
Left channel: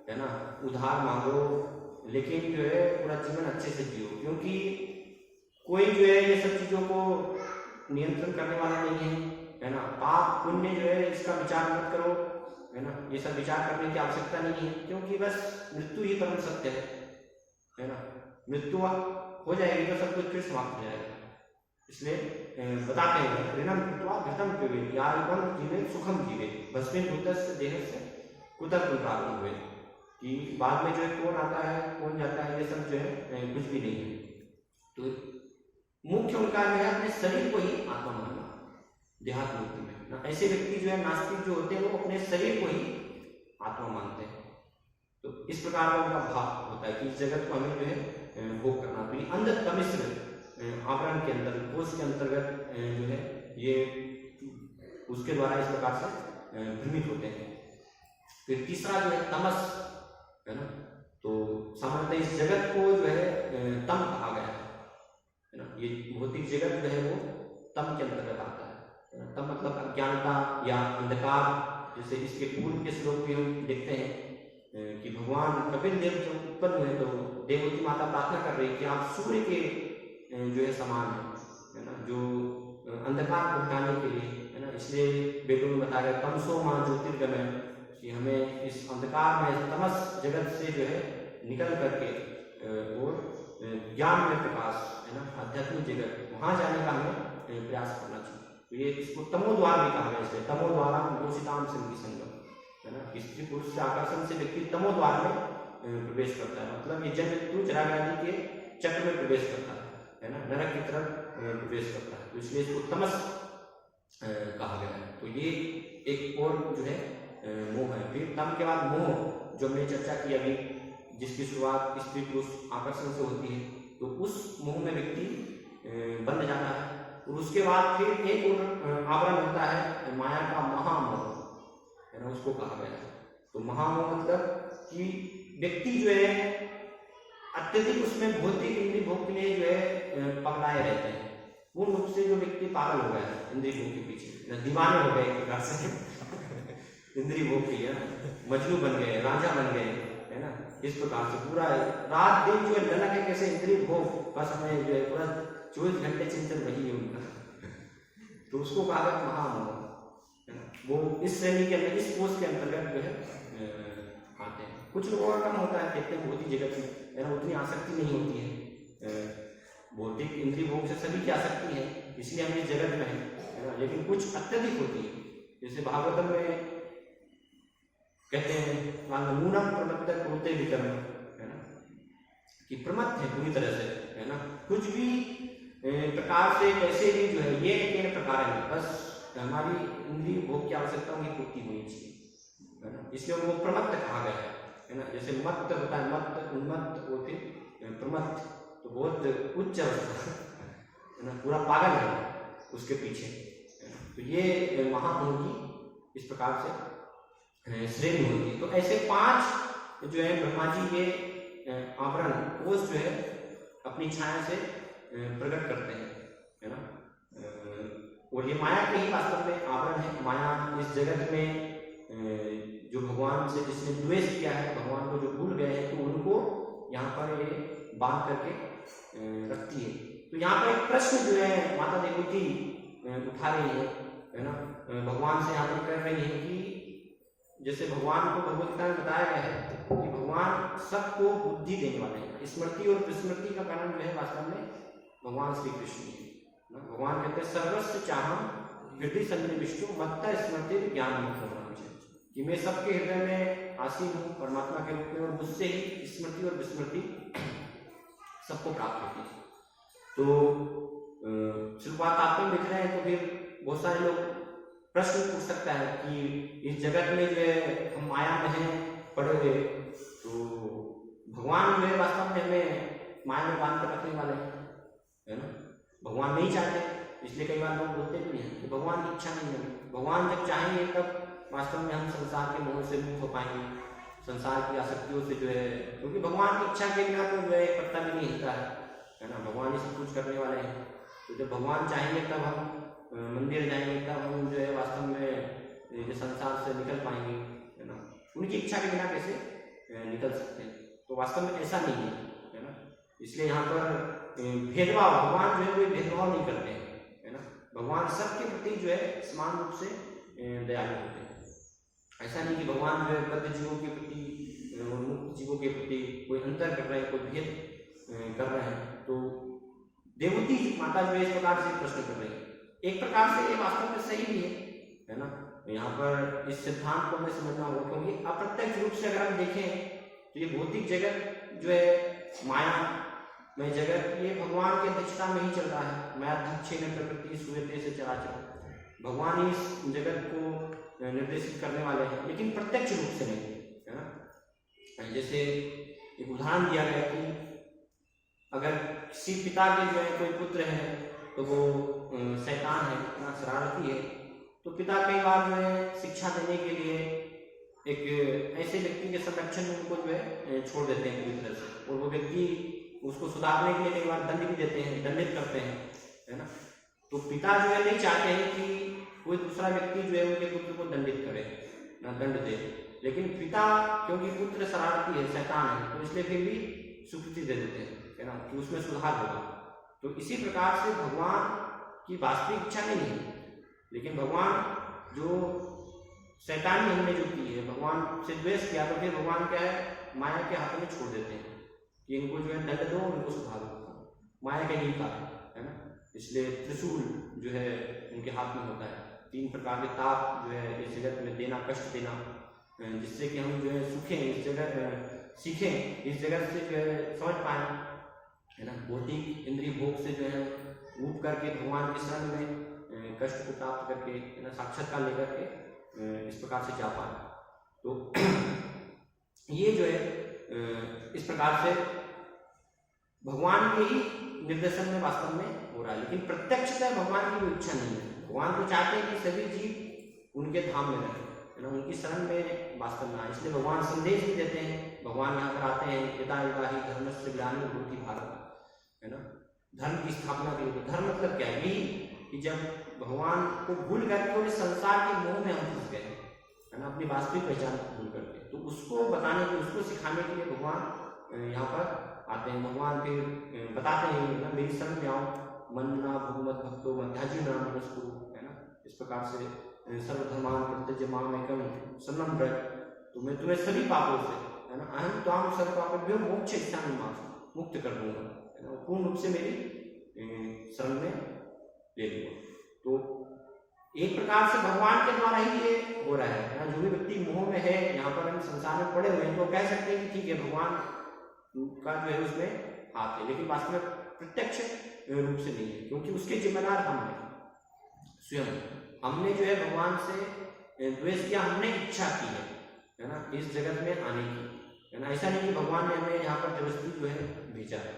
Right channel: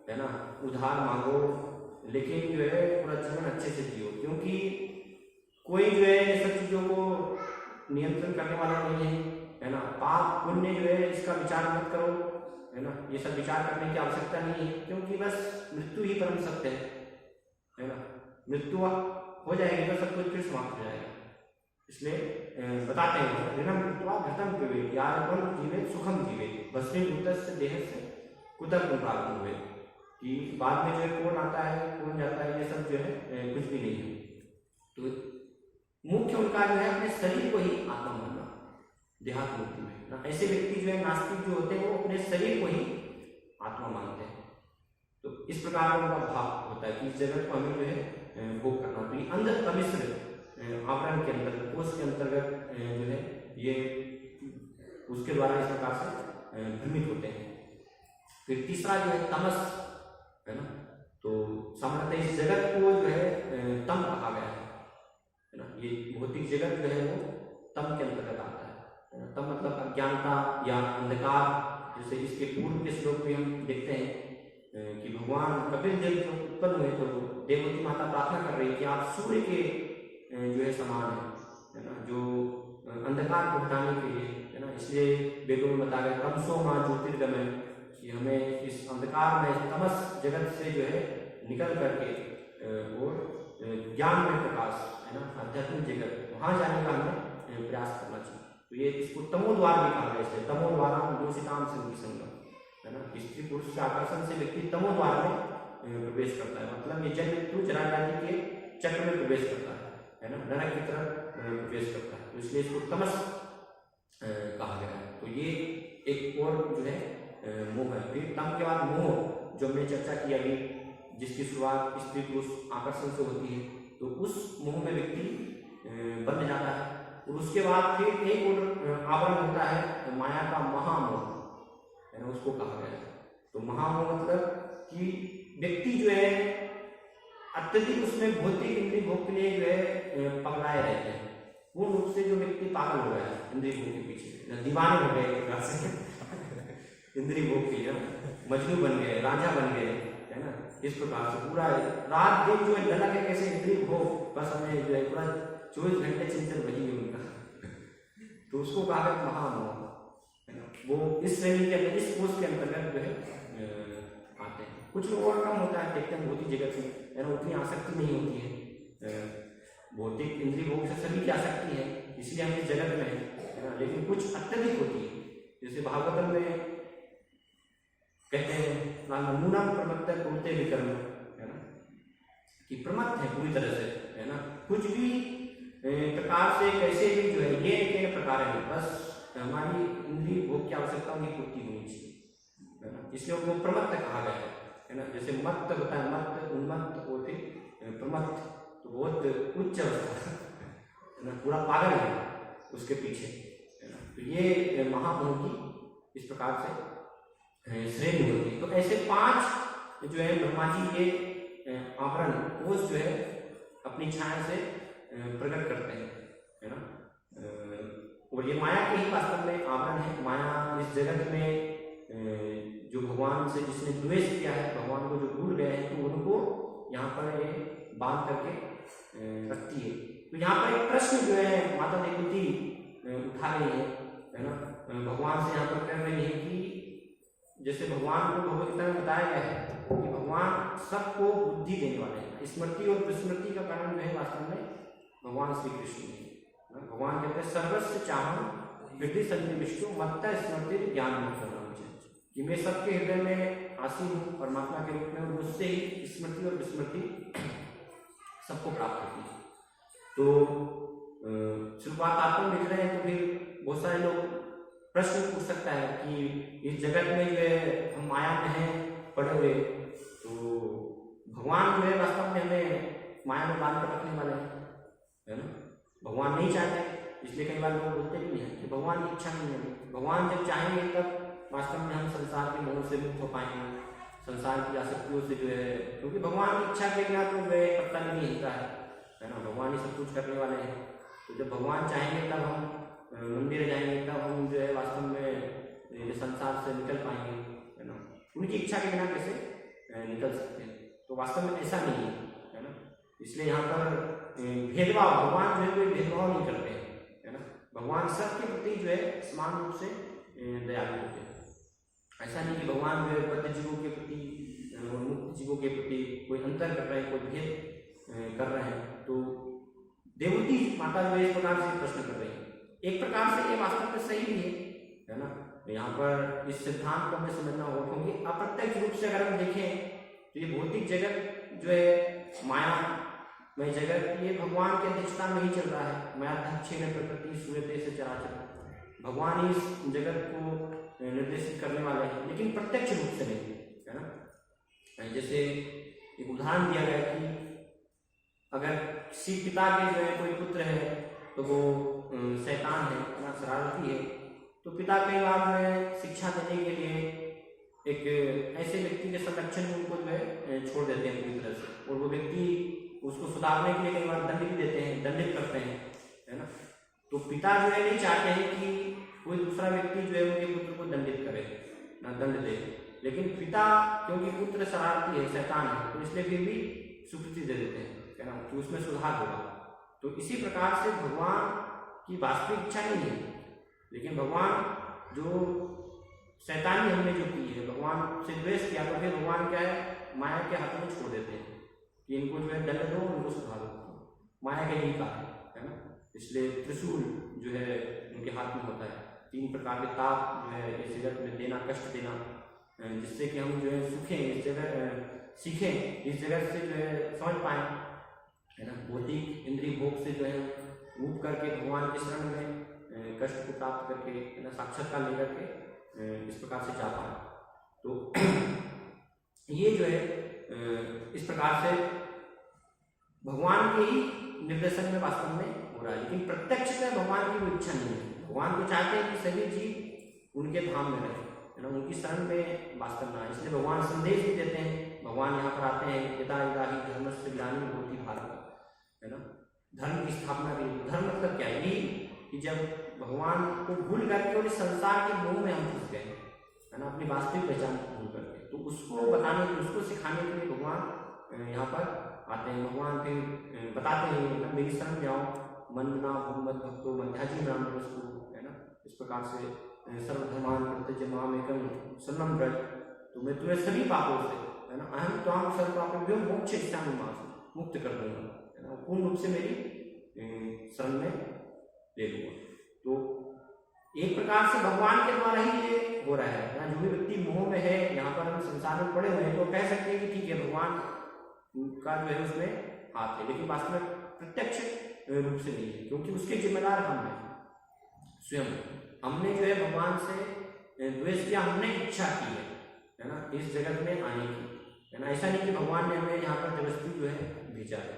है ना, उधार मांगो, लेकिन जो है पूरा जीवन अच्छे से जियो, क्योंकि कोई जो है ये सब चीजों को नियंत्रण करने वाला नहीं है ना। पाप पुण्य जो है इसका विचार मत करो, है ना, ये सब विचार करने की आवश्यकता नहीं है, क्योंकि बस मृत्यु ही परम सत्य है ना। मृत्यु हो जाएगी तो सब कुछ फिर समाप्त हो जाएगा। इसलिए बताते हैं ऋणम कृत्वा घृतम पिबेत् यादवं जीवेत् सुखम जीवेत् भस्मीभूतस्य देहस्य कुतः पुनरागमनं भवेत्, कि बाद में जो है कौन आता है कौन जाता है ये सब जो है कुछ भी नहीं है। तो मुख्य उनका जो है अपने शरीर को ही आत्मा मानना देहात्म मुक्ति में ना। ऐसे व्यक्ति जो है नास्तिक जो होते हैं वो अपने शरीर को ही आत्मा मानते हैं। तो इस प्रकार का उनका भाव होता है कि इस जगत को हमें जो है भोग करना। तो ये अंध तमिश्र आवरण के अंतर्गत, कोष के अंतर्गत जो है ये उसके द्वारा इस प्रकार से भ्रमित होते हैं। फिर तीसरा जो है तमस, है ना। तो सामान्यतः इस जगत को जो है तम कहा गया है ना। ये भौतिक जगत जो है वो तम के अंतर्गत आता है ना। तम मतलब अज्ञानता या अंधकार। जैसे इसके पूर्व के श्लोक में हम देखते हैं कि भगवान कपिल देव जो उत्पन्न हुए तो देवती माता प्रार्थना कर रही कि आप सूर्य के जो है समान है ना, जो अंधकार को हटाने के लिए, है ना। इसलिए वेदों में बताया गया तमसो मां ज्योतिर्गमय, कि हमें इस अंधकार में तमस जगत से जो है निकल करके और ज्ञान में प्रकाश, है ना, आध्यात्मिक जगत वहां जाने का हमें प्रयास करना चाहिए। तो ये इसको तमोद्वार भी कहा है। इसलिए तमोद्वारा दूषिताम संगी संगम, है ना। स्त्री पुरुष के आकर्षण से व्यक्ति तमोद्वार में प्रवेश करता है, मतलब ये जन्म मृत्यु जरा व्याधि के चक्र में प्रवेश करता है ना, नरक की तरफ प्रवेश करता है। तो इसलिए इसको तमस कहा गया है। तो ये एक और जो है मोह है। फिर तम के बाद मोह, जो हमने चर्चा की अभी, जिसकी शुरुआत स्त्री पुरुष आकर्षण से होती है, तो उस मोह में व्यक्ति बंध जाता है। और उसके बाद फिर एक और आवरण होता है माया का महामोह, है ना, उसको कहा गया है। तो महामोह मतलब कि व्यक्ति जो है अत्यधिक उसमें भौतिक इंद्रिय भोग के लिए जो है पगलाए रहते हैं, पूर्ण रूप से जो व्यक्ति पागल हो गया है इंद्रिय भोग के पीछे, दीवाने हो गए एक प्रकार से इंद्रिय भोग के लिए, मजनू बन गए, राजा बन गए, है ना, इस प्रकार से पूरा रात दिन जो है ललक है कैसे इंद्रिय भोग, बस हमें जो है पूरा 24 घंटे चिंतन वही है उनका तो उसको कहा गया महामोह, है ना, वो इस श्रेणी के अंदर, इस कोर्स के अंतर्गत जो है आते हैं। कुछ लोगों का कम होता है, देखते हैं भौतिक जगत में, है ना, उतनी आसक्ति नहीं होती है, भौतिक इंद्रिय भोग से सभी की आसक्ति है, इसलिए हम इस जगत में है ना, लेकिन कुछ अत्यधिक होती है, जैसे भागवतम में कहते हैं नमूनम प्रमत्त कुरुते विकर्म, है ना, कि प्रमत्त है पूरी तरह से, है ना, कुछ भी प्रकार से कैसे भी जो है ये लेकिन प्रकार है, बस हमारी इंद्रिय भोग की आवश्यकताओं की पूर्ति होनी चाहिए, है ना, इसलिए वो प्रमत्त कहा गया है ना, जैसे मत्त होता है, मत्त उन्मत्त और फिर प्रमत्त, तो बहुत उच्च अवस्था, है ना, पूरा पागल है उसके पीछे, है ना, तो ये महामोह की इस प्रकार से श्रेणी होती है। तो ऐसे 5 जो है ब्रह्मा जी ये आवरण कोष जो है अपनी छाया से प्रकट करते हैं, है ना, और ये माया के ही वास्तव में आवरण है। माया इस जगत में जो भगवान से जिसने द्वेष किया है, भगवान को जो भूल गए हैं, तो उनको यहाँ पर ये बांध करके रखती है। तो यहाँ पर एक प्रश्न जो है माता देवती उठा रही है ना, भगवान से यहाँ पर कर रही है कि जैसे भगवान को भगवद गीता में बताया गया है कि भगवान सबको बुद्धि देने वाले हैं, स्मृति और विस्मृति का कारण जो है वास्तव में भगवान श्री कृष्ण है ना। भगवान कहते हैं सर्वस्व चाहम हृदय सन्निविष्टु मत्ता स्मृति ज्ञान होना मुझे, कि मैं सबके हृदय में आसीन हूँ परमात्मा के रूप में, और मुझसे ही स्मृति और विस्मृति सबको प्राप्त होती है। तो शुरुआत तात्पर्य लिख रहे हैं, तो फिर बहुत सारे लोग प्रश्न पूछ सकता है कि इस जगत में जो है हम माया में हैं पड़े हुए, तो भगवान जो है वास्तव में हमें माया में बांध कर रखने वाले हैं, है ना, भगवान नहीं चाहते, इसलिए कई बार लोग बोलते भी हैं कि भगवान की इच्छा नहीं है। भगवान जब चाहेंगे तब वास्तव में हम संसार के मोह से मुक्त हो पाएंगे, संसार की आसक्तियों से जो है, क्योंकि भगवान की इच्छा के बिना तो जो है पत्ता भी नहीं हिलता है ना, भगवान ही सब कुछ करने वाले हैं। तो जब भगवान चाहेंगे तब हम मंदिर जाएंगे, तब हम जो है वास्तव में ये संसार से निकल पाएंगे, है ना, उनकी इच्छा के बिना कैसे निकल सकते हैं। तो वास्तव में ऐसा नहीं है ना, इसलिए यहाँ पर भेदभाव, भगवान जो है कोई भेदभाव नहीं करते हैं, है ना, भगवान सबके प्रति जो है समान रूप से दयालु होते हैं। ऐसा नहीं कि भगवान जो है बद्ध जीवों के प्रति और मुक्त जीवों के प्रति कोई अंतर कर रहे हैं, कोई भेद कर रहे हैं। तो देवती माता जो है इस प्रकार से प्रश्न कर रही है, एक प्रकार से ये वास्तव में सही भी है ना, यहाँ पर इस सिद्धांत को हमें समझना होगा, क्योंकि अप्रत्यक्ष रूप से अगर हम देखें तो ये भौतिक जगत जो है माया में जगत, ये भगवान की अध्यक्षता में ही चल रहा है। मायाध्यक्षेन प्रकृति सूयते से चराचर, भगवान ही इस जगत को निर्देशित करने वाले हैं, लेकिन प्रत्यक्ष रूप से नहीं, है ना। जैसे एक उदाहरण दिया गया कि अगर किसी पिता के जो है कोई पुत्र है तो वो शैतान है ना, शरारती है, तो पिता कई बार जो है शिक्षा देने के लिए एक ऐसे व्यक्ति के संरक्षण में उनको जो है छोड़ देते हैं पूरी तरह से, और वो व्यक्ति उसको सुधारने के लिए कई बार दंड भी देते हैं, दंडित करते हैं, है ना। तो पिता जो है नहीं चाहते हैं कि कोई दूसरा व्यक्ति जो है उनके पुत्र को दंडित करे ना, दंड दे, लेकिन पिता क्योंकि पुत्र शरारती है, शैतान है, तो इसलिए फिर भी स्वीकृति दे देते हैं, है ना, कि उसमें सुधार होगा। तो इसी प्रकार से भगवान की वास्तविक इच्छा नहीं है, लेकिन भगवान जो शैतानी हमने जो की है, भगवान से द्वेष किया, तो फिर भगवान क्या है माया के हाथों में छोड़ देते हैं कि इनको जो है दंड दो, इनको सुधारो, माया का यही कार्य है ना। इसलिए त्रिशूल जो है उनके हाथ में होता है, 3 प्रकार के ताप जो है इस जगत में देना, कष्ट देना, जिससे कि हम जो है सुखें इस जगह, सीखें इस जगत से जो है समझ पाएँ, है ना, भौतिक इंद्रिय भोग से जो है ऊब करके भगवान के शरण में कष्ट को प्राप्त करके, है ना, साक्षात्कार लेकर के इस प्रकार से जा पाए। तो ये जो है इस प्रकार से भगवान के ही निर्देशन में वास्तव में हो रहा रहा है, लेकिन प्रत्यक्षतः भगवान की वो इच्छा नहीं है। भगवान तो चाहते हैं कि सभी जीव उनके धाम में रहे, है ना, उनकी शरण में वास करना है। इसलिए भगवान संदेश भी देते हैं। भगवान यहाँ पर आते हैं, यदा यदा ही धर्मस्य ग्लानिर्भवति भारत, है ना, धर्म की स्थापना के लिए। धर्म मतलब क्या है? यही कि जब भगवान को भूल करके और इस संसार के मोह में हम फंस गए, है ना, अपनी वास्तविक पहचान को भूल करके, तो उसको बताने के, उसको सिखाने के लिए भगवान यहाँ पर आते हैं। भगवान फिर बताते हैं ना, मेरी शरण में आओ, मनना भगवत भक्तो मध्याजी नाम वस्तु, है ना, इस प्रकार से सर्वधर्मान प्रत्यज माम एकम शरणं व्रज, तो मैं तुम्हें सभी पापों से, है ना, अहम त्वाम सर्व पापेभ्यो मोक्ष इच्छामि मां, मुक्त कर दूंगा, है ना, पूर्ण रूप से मेरी शरण में ले लूंगा। तो एक प्रकार से भगवान के द्वारा ही ये हो रहा है ना। जो भी व्यक्ति मोह में है, यहाँ पर हम संसार में पड़े हुए हैं, तो कह सकते हैं कि ठीक है, भगवान का जो है उसमें हाथ है, लेकिन वास्तव में प्रत्यक्ष रूप से नहीं है, क्योंकि उसके जिम्मेदार हम हैं स्वयं। हमने जो है भगवान से द्वेष किया, हमने इच्छा की है ना, इस जगत में आने की, है ना। ऐसा नहीं कि भगवान ने हमें यहाँ पर जबरदस्ती जो है भेजा है,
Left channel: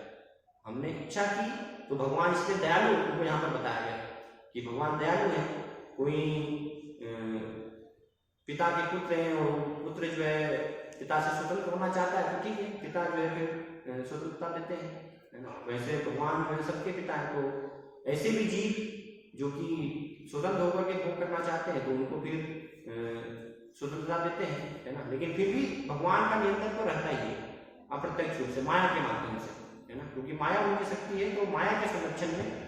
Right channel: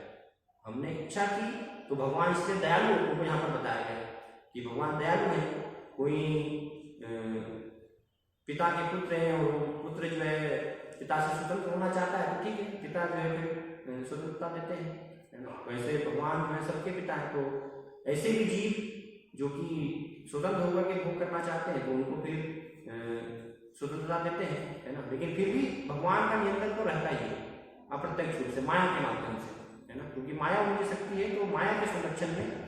हमने इच्छा की। तो भगवान इसलिए दयालु को यहाँ पर बताया गया कि भगवान दयालु है। कोई पिता के पुत्र हैं और पुत्र जो है पिता से स्वतंत्र होना चाहता है, तो ठीक है, पिता जो है फिर स्वतंत्रता देते हैं, है ना। वैसे भगवान जो है सबके पिता हैं, तो ऐसे भी जीव जो कि स्वतंत्र होकर के भोग करना चाहते हैं, तो उनको फिर स्वतंत्रता देते हैं, है ना। लेकिन फिर भी भगवान का नियंत्रण तो रहता ही है, अप्रत्यक्ष रूप से, माया के माध्यम से, है ना, क्योंकि माया उनकी शक्ति है, तो माया के संरक्षण में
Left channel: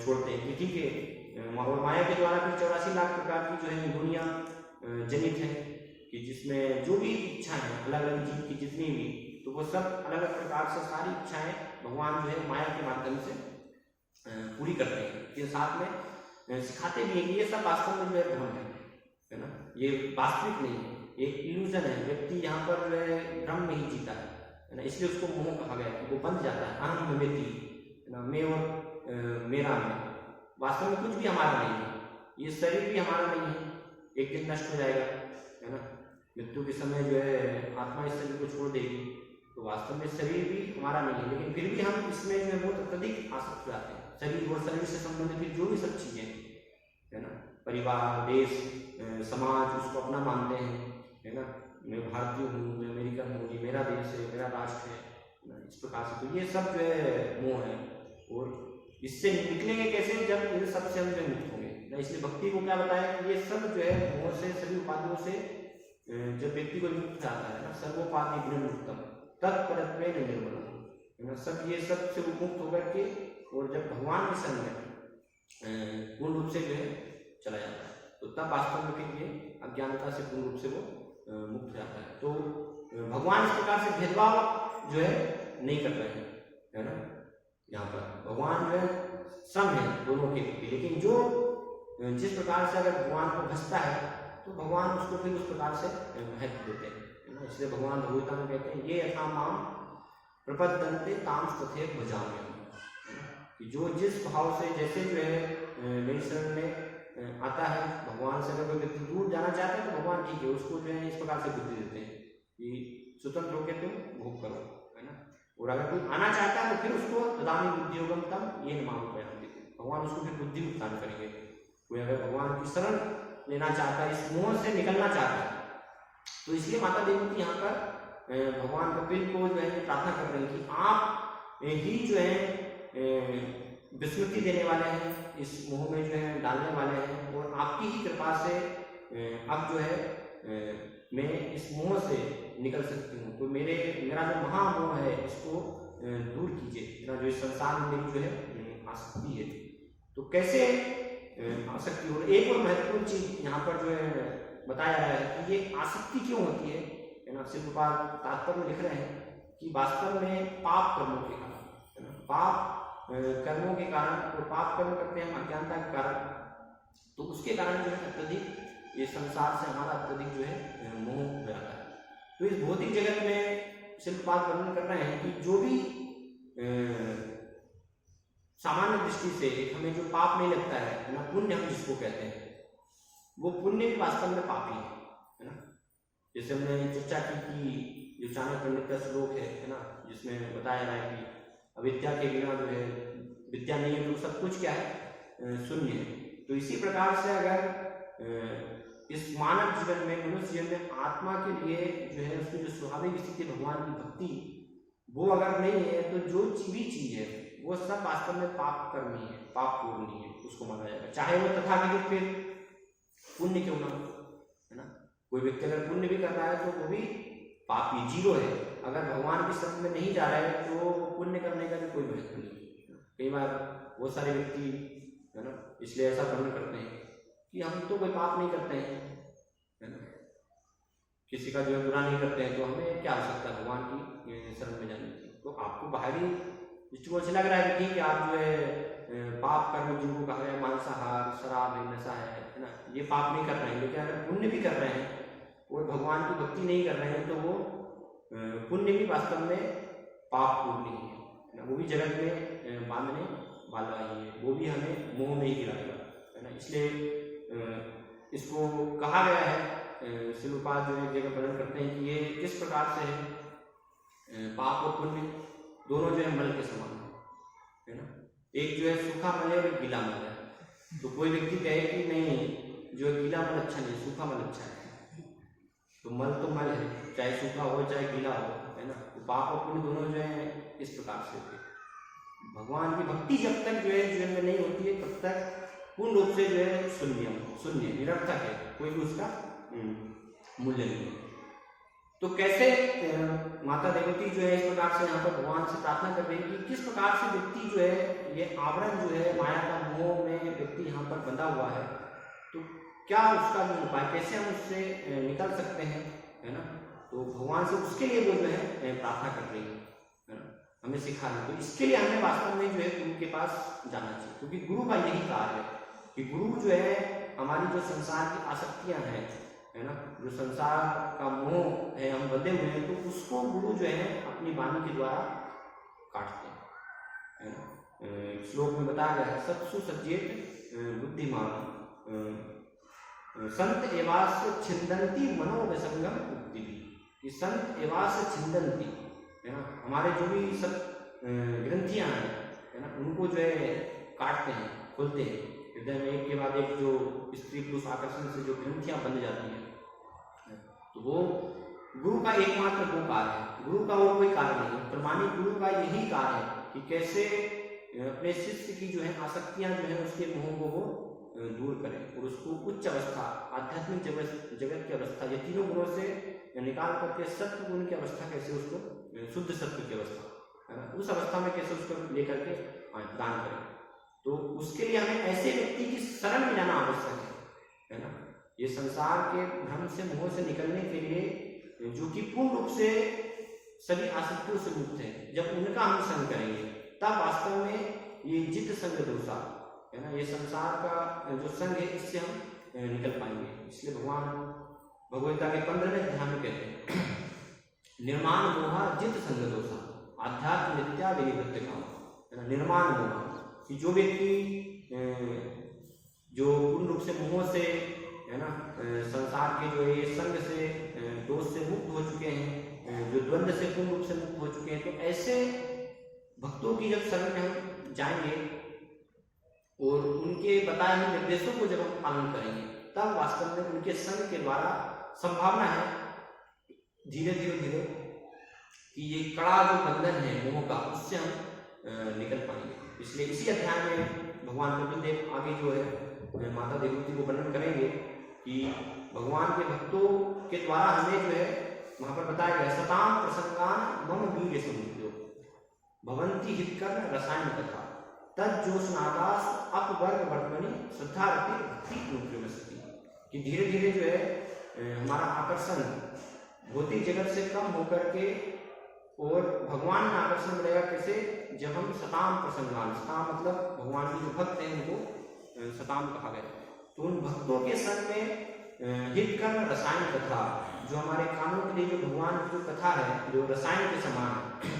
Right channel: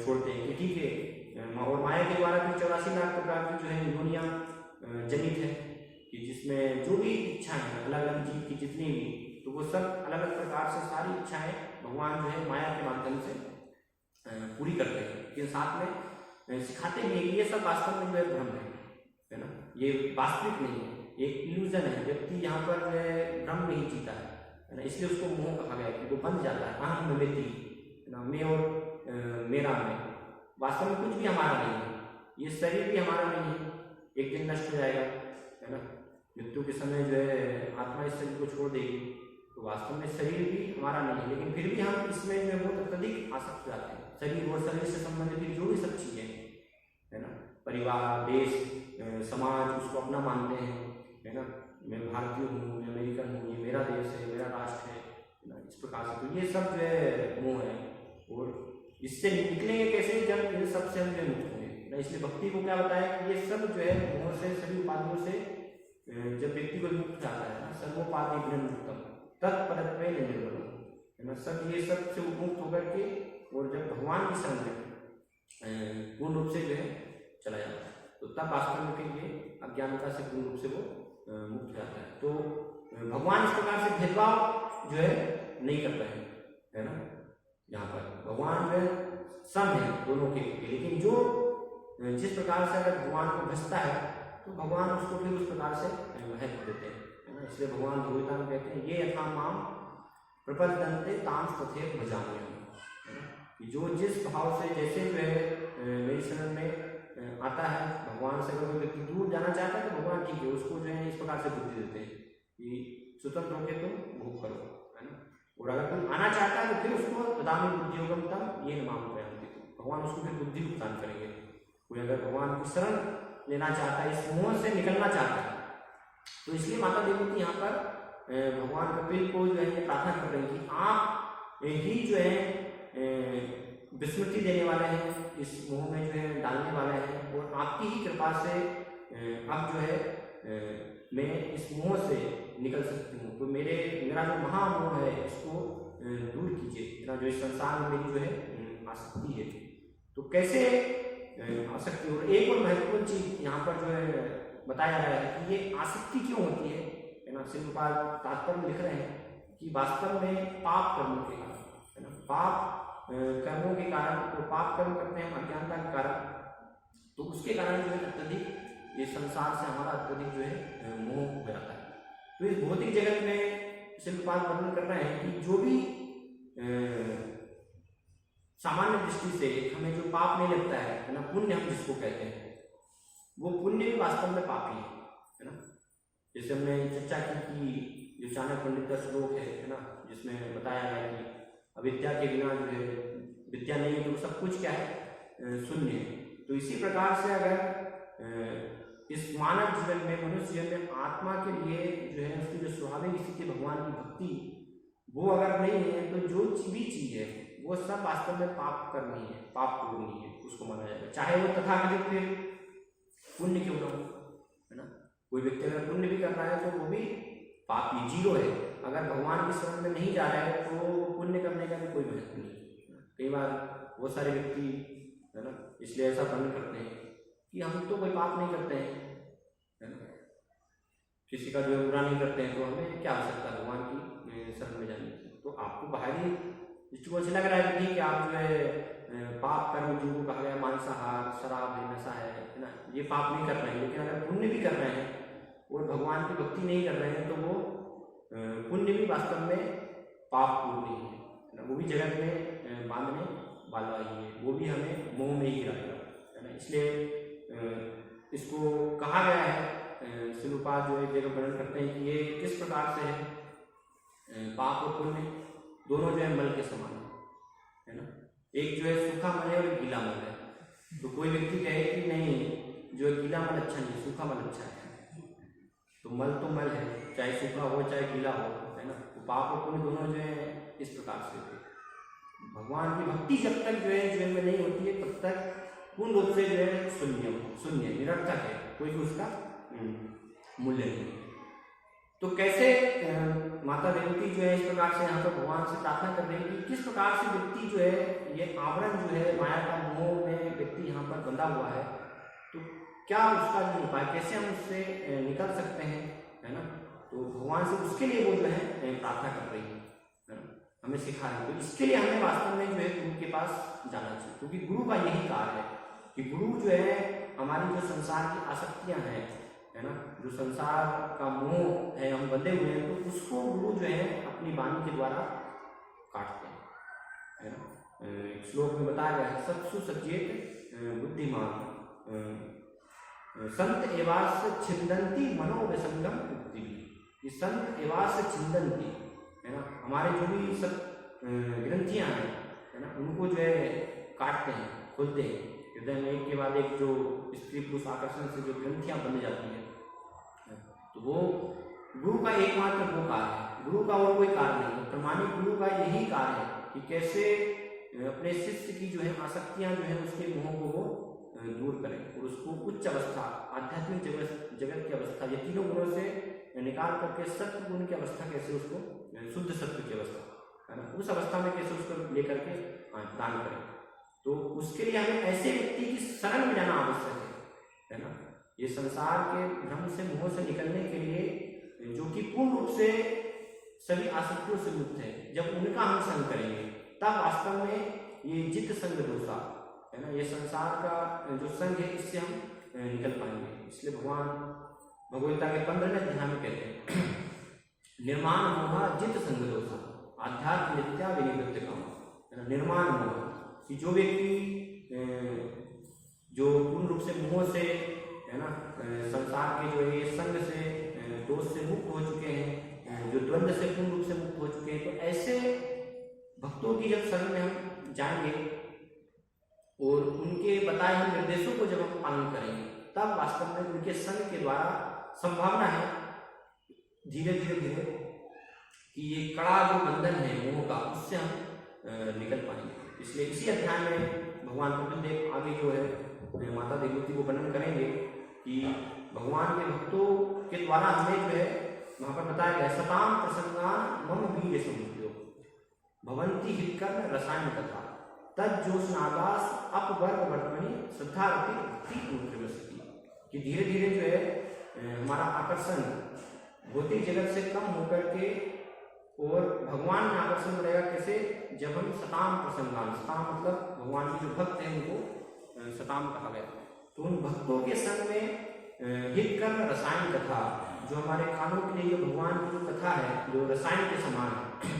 छोड़ते हैं कि ठीक है। और माया के द्वारा फिर 84 लाख प्रकार की जो है दुनिया जनित है, कि जिसमें जो भी इच्छाएं हैं अलग अलग जीव की जितनी भी, तो वो सब अलग अलग प्रकार से सारी इच्छाएं भगवान जो है माया के माध्यम से पूरी करते हैं। फिर साथ में सिखाते भी हैं कि ये सब वास्तव में जो है भ्रम है ना, ये वास्तविक नहीं है, एक इल्यूजन है। व्यक्ति यहाँ पर जो है भ्रम में ही जीता है ना, इसलिए उसको मोह कहा गया कि वो बंध जाता है, अहम ममेति, है ना, मैं और मेरा मैं। वास्तव में कुछ भी हमारा नहीं है, ये शरीर भी हमारा नहीं है, एक दिन नष्ट हो जाएगा, है ना। मृत्यु के समय जो है आत्मा इस शरीर को छोड़ देगी, तो वास्तव में शरीर भी हमारा नहीं है, लेकिन फिर भी हम इसमें जो है बहुत अत्यधिक आसक्त हो जाते हैं। शरीर और शरीर से संबंधित जो भी सब चीजें, है ना, परिवार, देश, समाज, उसको अपना मानते हैं, है ना। मैं भारतीय हूँ, मैं अमेरिकन हूँ, ये मेरा देश है, मेरा राष्ट्र है ना, इस प्रकार से। तो ये सब जो है मोह है, और इससे निकलेंगे कैसे? जब इन सब से हम जो मुक्त होंगे ना। इसलिए भक्ति को क्या बताया कि ये सब जो है मोह से, सभी उपाधियों से जब व्यक्ति को मुक्त जाता है ना, सर्वोपाधि विनिर्मुक्तम तत्परत्वे निर्मलम, है ना, सब ये सब से मुक्त होकर के, और जब भगवान के शरण में पूर्ण रूप से जो है चला जाता है, तो तब वास्तव में फिर ये अज्ञानता से पूर्ण रूप से वो मुक्त हो जाता है। तो भगवान इस प्रकार से भेदभाव जो है नहीं कर रहे हैं, है ना। यहाँ पर भगवान जो है सम है दोनों के प्रति, लेकिन जो जिस प्रकार से अगर भगवान को भजता है, तो भगवान उसको फिर उस प्रकार से महत्व देते हैं, है ना। इसलिए भगवान भगवता में कहते हैं, ये यथा माम प्रपद्यन्ते ताम तथैव भजाम्यहम्, है ना, कि जो जिस भाव से, जैसे जो है मेरी शरण में आता है, भगवान से अगर कोई व्यक्ति दूर जाना चाहता है, तो भगवान ठीक है, उसको जो है इस प्रकार से बुद्धि देते हैं कि स्वतंत्र होकर तुम भोग करो, है ना। और अगर कोई आना चाहता है, तो फिर उसको ददामि बुद्धियोगम तम येन माम प्रयान्ति, भगवान उसको फिर बुद्धि प्रदान करेंगे। कोई अगर भगवान की शरण लेना चाहता है, इस मोह से निकलना चाहता है, तो इसलिए माता देवती यहाँ पर भगवान कपिल को जो है प्रार्थना कर रही कि आप ही जो है विस्मृति देने वाले हैं, इस मोह में जो है डालने वाले हैं, और आपकी ही कृपा से अब जो है मैं इस मोह से निकल सकती हूँ। तो मेरा जो महामोह है, इसको दूर कीजिए, मेरा जो इस संसार में मेरी जो है आसक्ति है। तो कैसे आसक्ति? और एक और महत्वपूर्ण चीज यहाँ पर जो है बताया जा रहा है कि ये आसक्ति क्यों होती है ना। शिवपाल तात्पर्य में लिख रहे हैं कि वास्तव में पाप कर्मों के कारण, है ना, पाप कर्मों के कारण, तो पाप कर्म करते हैं हम अज्ञानता के कारण, तो उसके कारण जो है अत्यधिक ये संसार से हमारा अत्यधिक जो है मोह हो जाता है। तो इस भौतिक जगत में शिल्पपाल वर्णन कर रहे हैं कि जो भी सामान्य दृष्टि से हमें जो पाप नहीं लगता है ना, पुण्य हम जिसको कहते हैं, वो पुण्य भी वास्तव में पापी है ना। जैसे हमने चर्चा की कि जो चाणक्य पंडित का श्लोक है ना, जिसमें बताया है कि अविद्या के बिना जो है विद्या नहीं है तो सब कुछ क्या है, शून्य है। तो इसी प्रकार से अगर इस मानव जीवन में, मनुष्य जीवन में आत्मा के लिए जो है उसकी जो स्वाभाविक स्थिति भगवान की भक्ति, वो अगर नहीं है तो जो भी चीज है वो सब वास्तव में पाप कर्म ही है, पाप पूर्ण ही है, उसको माना जाएगा। चाहे वो तथाकथित फिर पुण्य क्यों ना हो, है ना। कोई व्यक्ति अगर पुण्य भी कर रहा है तो वो भी पाप ही, जीरो है। अगर भगवान की शरण में नहीं जा रहा है तो पुण्य करने का भी कोई महत्व नहीं। कई बार बहुत सारे व्यक्ति, है ना, इसलिए ऐसा वर्णन करते हैं कि हम तो कोई पाप नहीं करते हैं, है ना, किसी का जो है बुरा नहीं करते हैं, तो हमें क्या आवश्यकता भगवान की शरण में जाने की। तो आपको बाहरी दृष्टिकोण से लग रहा है कि ठीक है, आप जो है पाप कर्म जिनको कहा गया, मांसाहार, शराब है, नशा है ना, ये पाप नहीं कर रहे हैं। लेकिन अगर पुण्य भी कर रहे हैं और भगवान की भक्ति नहीं कर रहे हैं तो वो पुण्य भी वास्तव में पाप पूर्ण ही है ना, वो भी जगत में बांधने वाला ही है, वो भी हमें मोह में ही गिराएगा, है ना। इसलिए इसको कहा गया है, शिलुपाद जो एक जगह वर्णन करते हैं कि ये किस प्रकार से है, पाप और पुण्य दोनों जो है मल के समान है ना। एक जो है सूखा मल है और एक गीला मल है। तो कोई व्यक्ति कहे कि नहीं, जो है गीला मल अच्छा नहीं, सूखा मल अच्छा है, तो मल है, चाहे सूखा हो चाहे गीला हो, है ना। तो पाप और पुण्य दोनों जो है इस प्रकार से थे। भगवान की भक्ति जब तक जो है जीवन में नहीं होती है तब तक पूर्ण रूप से जो है शून्य निरर्थक है, कोई भी उसका मूल्य नहीं है। तो कैसे माता देवती जो है इस प्रकार से यहाँ पर भगवान से प्रार्थना कर रही है कि किस प्रकार से व्यक्ति जो है, ये आवरण जो है माया का मोह में व्यक्ति यहाँ पर बंधा हुआ है, तो क्या उसका जो उपाय, कैसे हम उससे निकल सकते हैं, है ना। तो भगवान से उसके लिए वो जो है प्रार्थना कर रही है ना, हमें सिखा रही है। तो इसके लिए हमें वास्तव में जो है गुरु के पास जाना चाहिए, क्योंकि गुरु का यही कार्य है कि गुरु जो है हमारी जो संसार की आसक्तियां हैं, है ना, जो संसार का मोह है, हम बंधे हुए हैं, तो उसको गुरु जो है अपनी वाणी के द्वारा काटते हैं, है ना। श्लोक में बताया गया है, सत्सु सचेत बुद्धिमान संत एवास छिंदंती मनोविसंगम मुक्ति भी। ये संत एवास छिंदंती, है ना, हमारे जो भी सब ग्रंथियां हैं, है ना, उनको जो है काटते हैं, खोलते हैं। हृदय में एक के बाद एक जो स्त्री पुरुष आकर्षण से जो ग्रंथियां बन जाती हैं, तो वो गुरु का एकमात्र वो कार्य है, गुरु का और कोई कार्य नहीं। प्रमाणिक गुरु का यही कार्य है कि कैसे अपने शिष्य की जो है आसक्तियां जो है उसके मोह को वो दूर करें और उसको उच्च अवस्था, आध्यात्मिक जगत की अवस्था, ये तीनों गुणों से निकाल करके सत्य गुण की अवस्था, कैसे उसको शुद्ध सत्य की अवस्था, है ना, उस अवस्था में कैसे उसको लेकर के दान करें। तो उसके लिए हमें ऐसे व्यक्ति की शरण में जाना आवश्यक है ना। ये संसार के भ्रम से, मोह से निकलने के लिए, जो कि पूर्ण रूप से सभी आसक्तियों से मुक्त है, जब उनका हम संग करेंगे तब वास्तव में ये जित संग दोषा, है ना, ये संसार का जो संग है इससे हम निकल पाएंगे। इसलिए भगवान भगवद्गीता के 15वें अध्याय में कहते हैं, निर्माण मोहा जित संग दोषा आध्यात्म नित्या विनिवृत्त काम, है ना। निर्माण मोह कि जो व्यक्ति जो पूर्ण रूप से मोह से, है ना, संसार के जो ये संग से, दोष से मुक्त हो चुके हैं, जो द्वंद्व से पूर्ण रूप से मुक्त हो चुके हैं, तो ऐसे भक्तों की जब शरण में हम जाएंगे और उनके बताए हुए निर्देशों को जब हम पालन करेंगे, तब वास्तव में उनके संग के द्वारा संभावना है धीरे धीरे कि ये कड़ा जो बंधन है मोह का, उससे हम निकल पाएंगे। इसलिए इसी अध्याय में भगवान कपिलदेव आगे जो है माता देवती को वर्णन करेंगे कि भगवान के भक्तों के द्वारा हमें जो है वहां पर बताया गया, सताम प्रसंगान मम वीर समुद्रो भवंती हितकर रसायन कथा तज्जोष्नादास अपवर्ग वर्तमनी श्रद्धा रति भक्ति अनुक्रमस्ति। कि धीरे धीरे जो है हमारा आकर्षण भौतिक जगत से कम होकर के और भगवान में आकर्षण बढ़ेगा। कैसे? जब हम सताम प्रसंगान, सताम मतलब भगवान के जो भक्त हैं उनको सताम कहा गया, तो उन भक्तों के संग में हित कर्म रसायन कथा, जो हमारे कानों के लिए जो भगवान की जो कथा है, जो रसायन के समान है,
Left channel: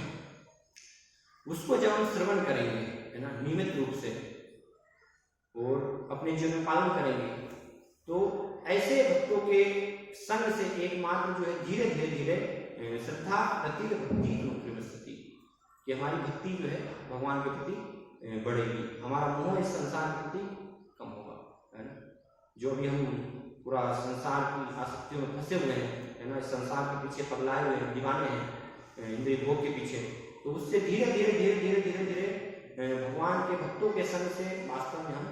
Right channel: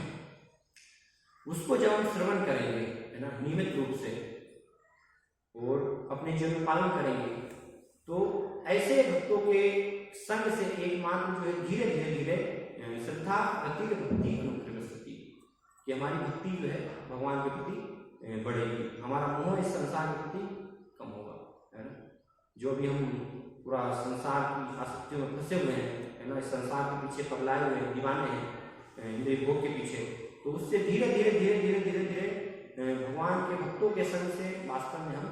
उसको जब हम श्रवण करेंगे, है ना, नियमित रूप से और अपने जीवन में पालन करेंगे, तो ऐसे भक्तों के संग से एकमात्र जो है धीरे धीरे श्रद्धा अति भक्ति अनुक्रमस्ति, कि हमारी भक्ति जो है भगवान के प्रति बढ़ेगी, हमारा मोह इस संसार के प्रति कम होगा, है ना। जो भी हम पूरा संसार की आसक्तियों में फंसे हुए हैं, है ना, इस संसार के पीछे पगलाए हुए हैं, दीवाने हैं इंद्रिय भोग के पीछे, तो उससे धीरे धीरे धीरे धीरे धीरे धीरे भगवान के भक्तों के संग से वास्तव में हम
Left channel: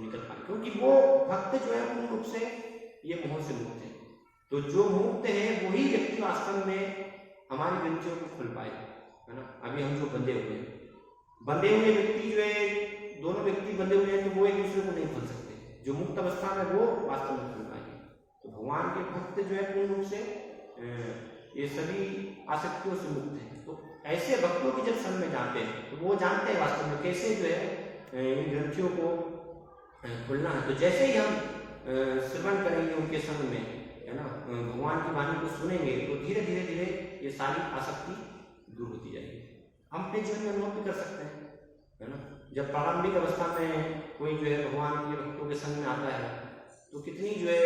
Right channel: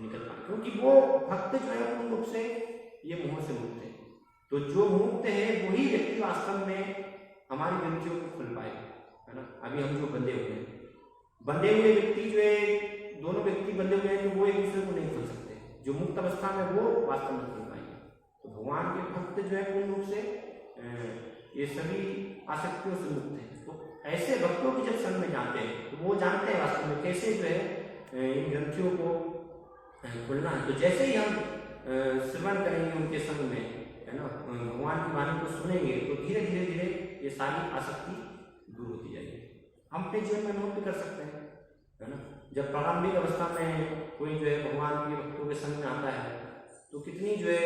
निकल पाए, क्योंकि वो भक्त जो है पूर्ण रूप से ये मोह से मुक्त है। तो जो मुक्त है वही व्यक्ति वास्तव में हमारी ग्रंथियों को खोल पाएगा, है ना। अभी हम जो बंधे हुए हैं, बंधे हुए व्यक्ति जो है, दोनों व्यक्ति बंधे हुए हैं तो वो एक दूसरे को नहीं खोल सकते, जो मुक्त अवस्था में वो वास्तव में खोल पाएंगे। तो भगवान के भक्त जो है पूर्ण रूप से ये सभी आसक्तियों से मुक्त है। तो ऐसे भक्तों की जब संग में जाते हैं तो वो जानते हैं वास्तव में कैसे जो है इन ग्रंथियों को खोलना है। तो जैसे ही हम श्रवण करेंगे उनके संग में, है ना, भगवान की वाणी को सुनेंगे, तो धीरे धीरे धीरे ये सारी आसक्ति दूर होती जाएगी। हम अपने जीवन में अनुभव भी कर सकते हैं, है ना। जब प्रारंभिक अवस्था में कोई जो है भगवान के भक्तों के संग में आता है तो कितनी जो है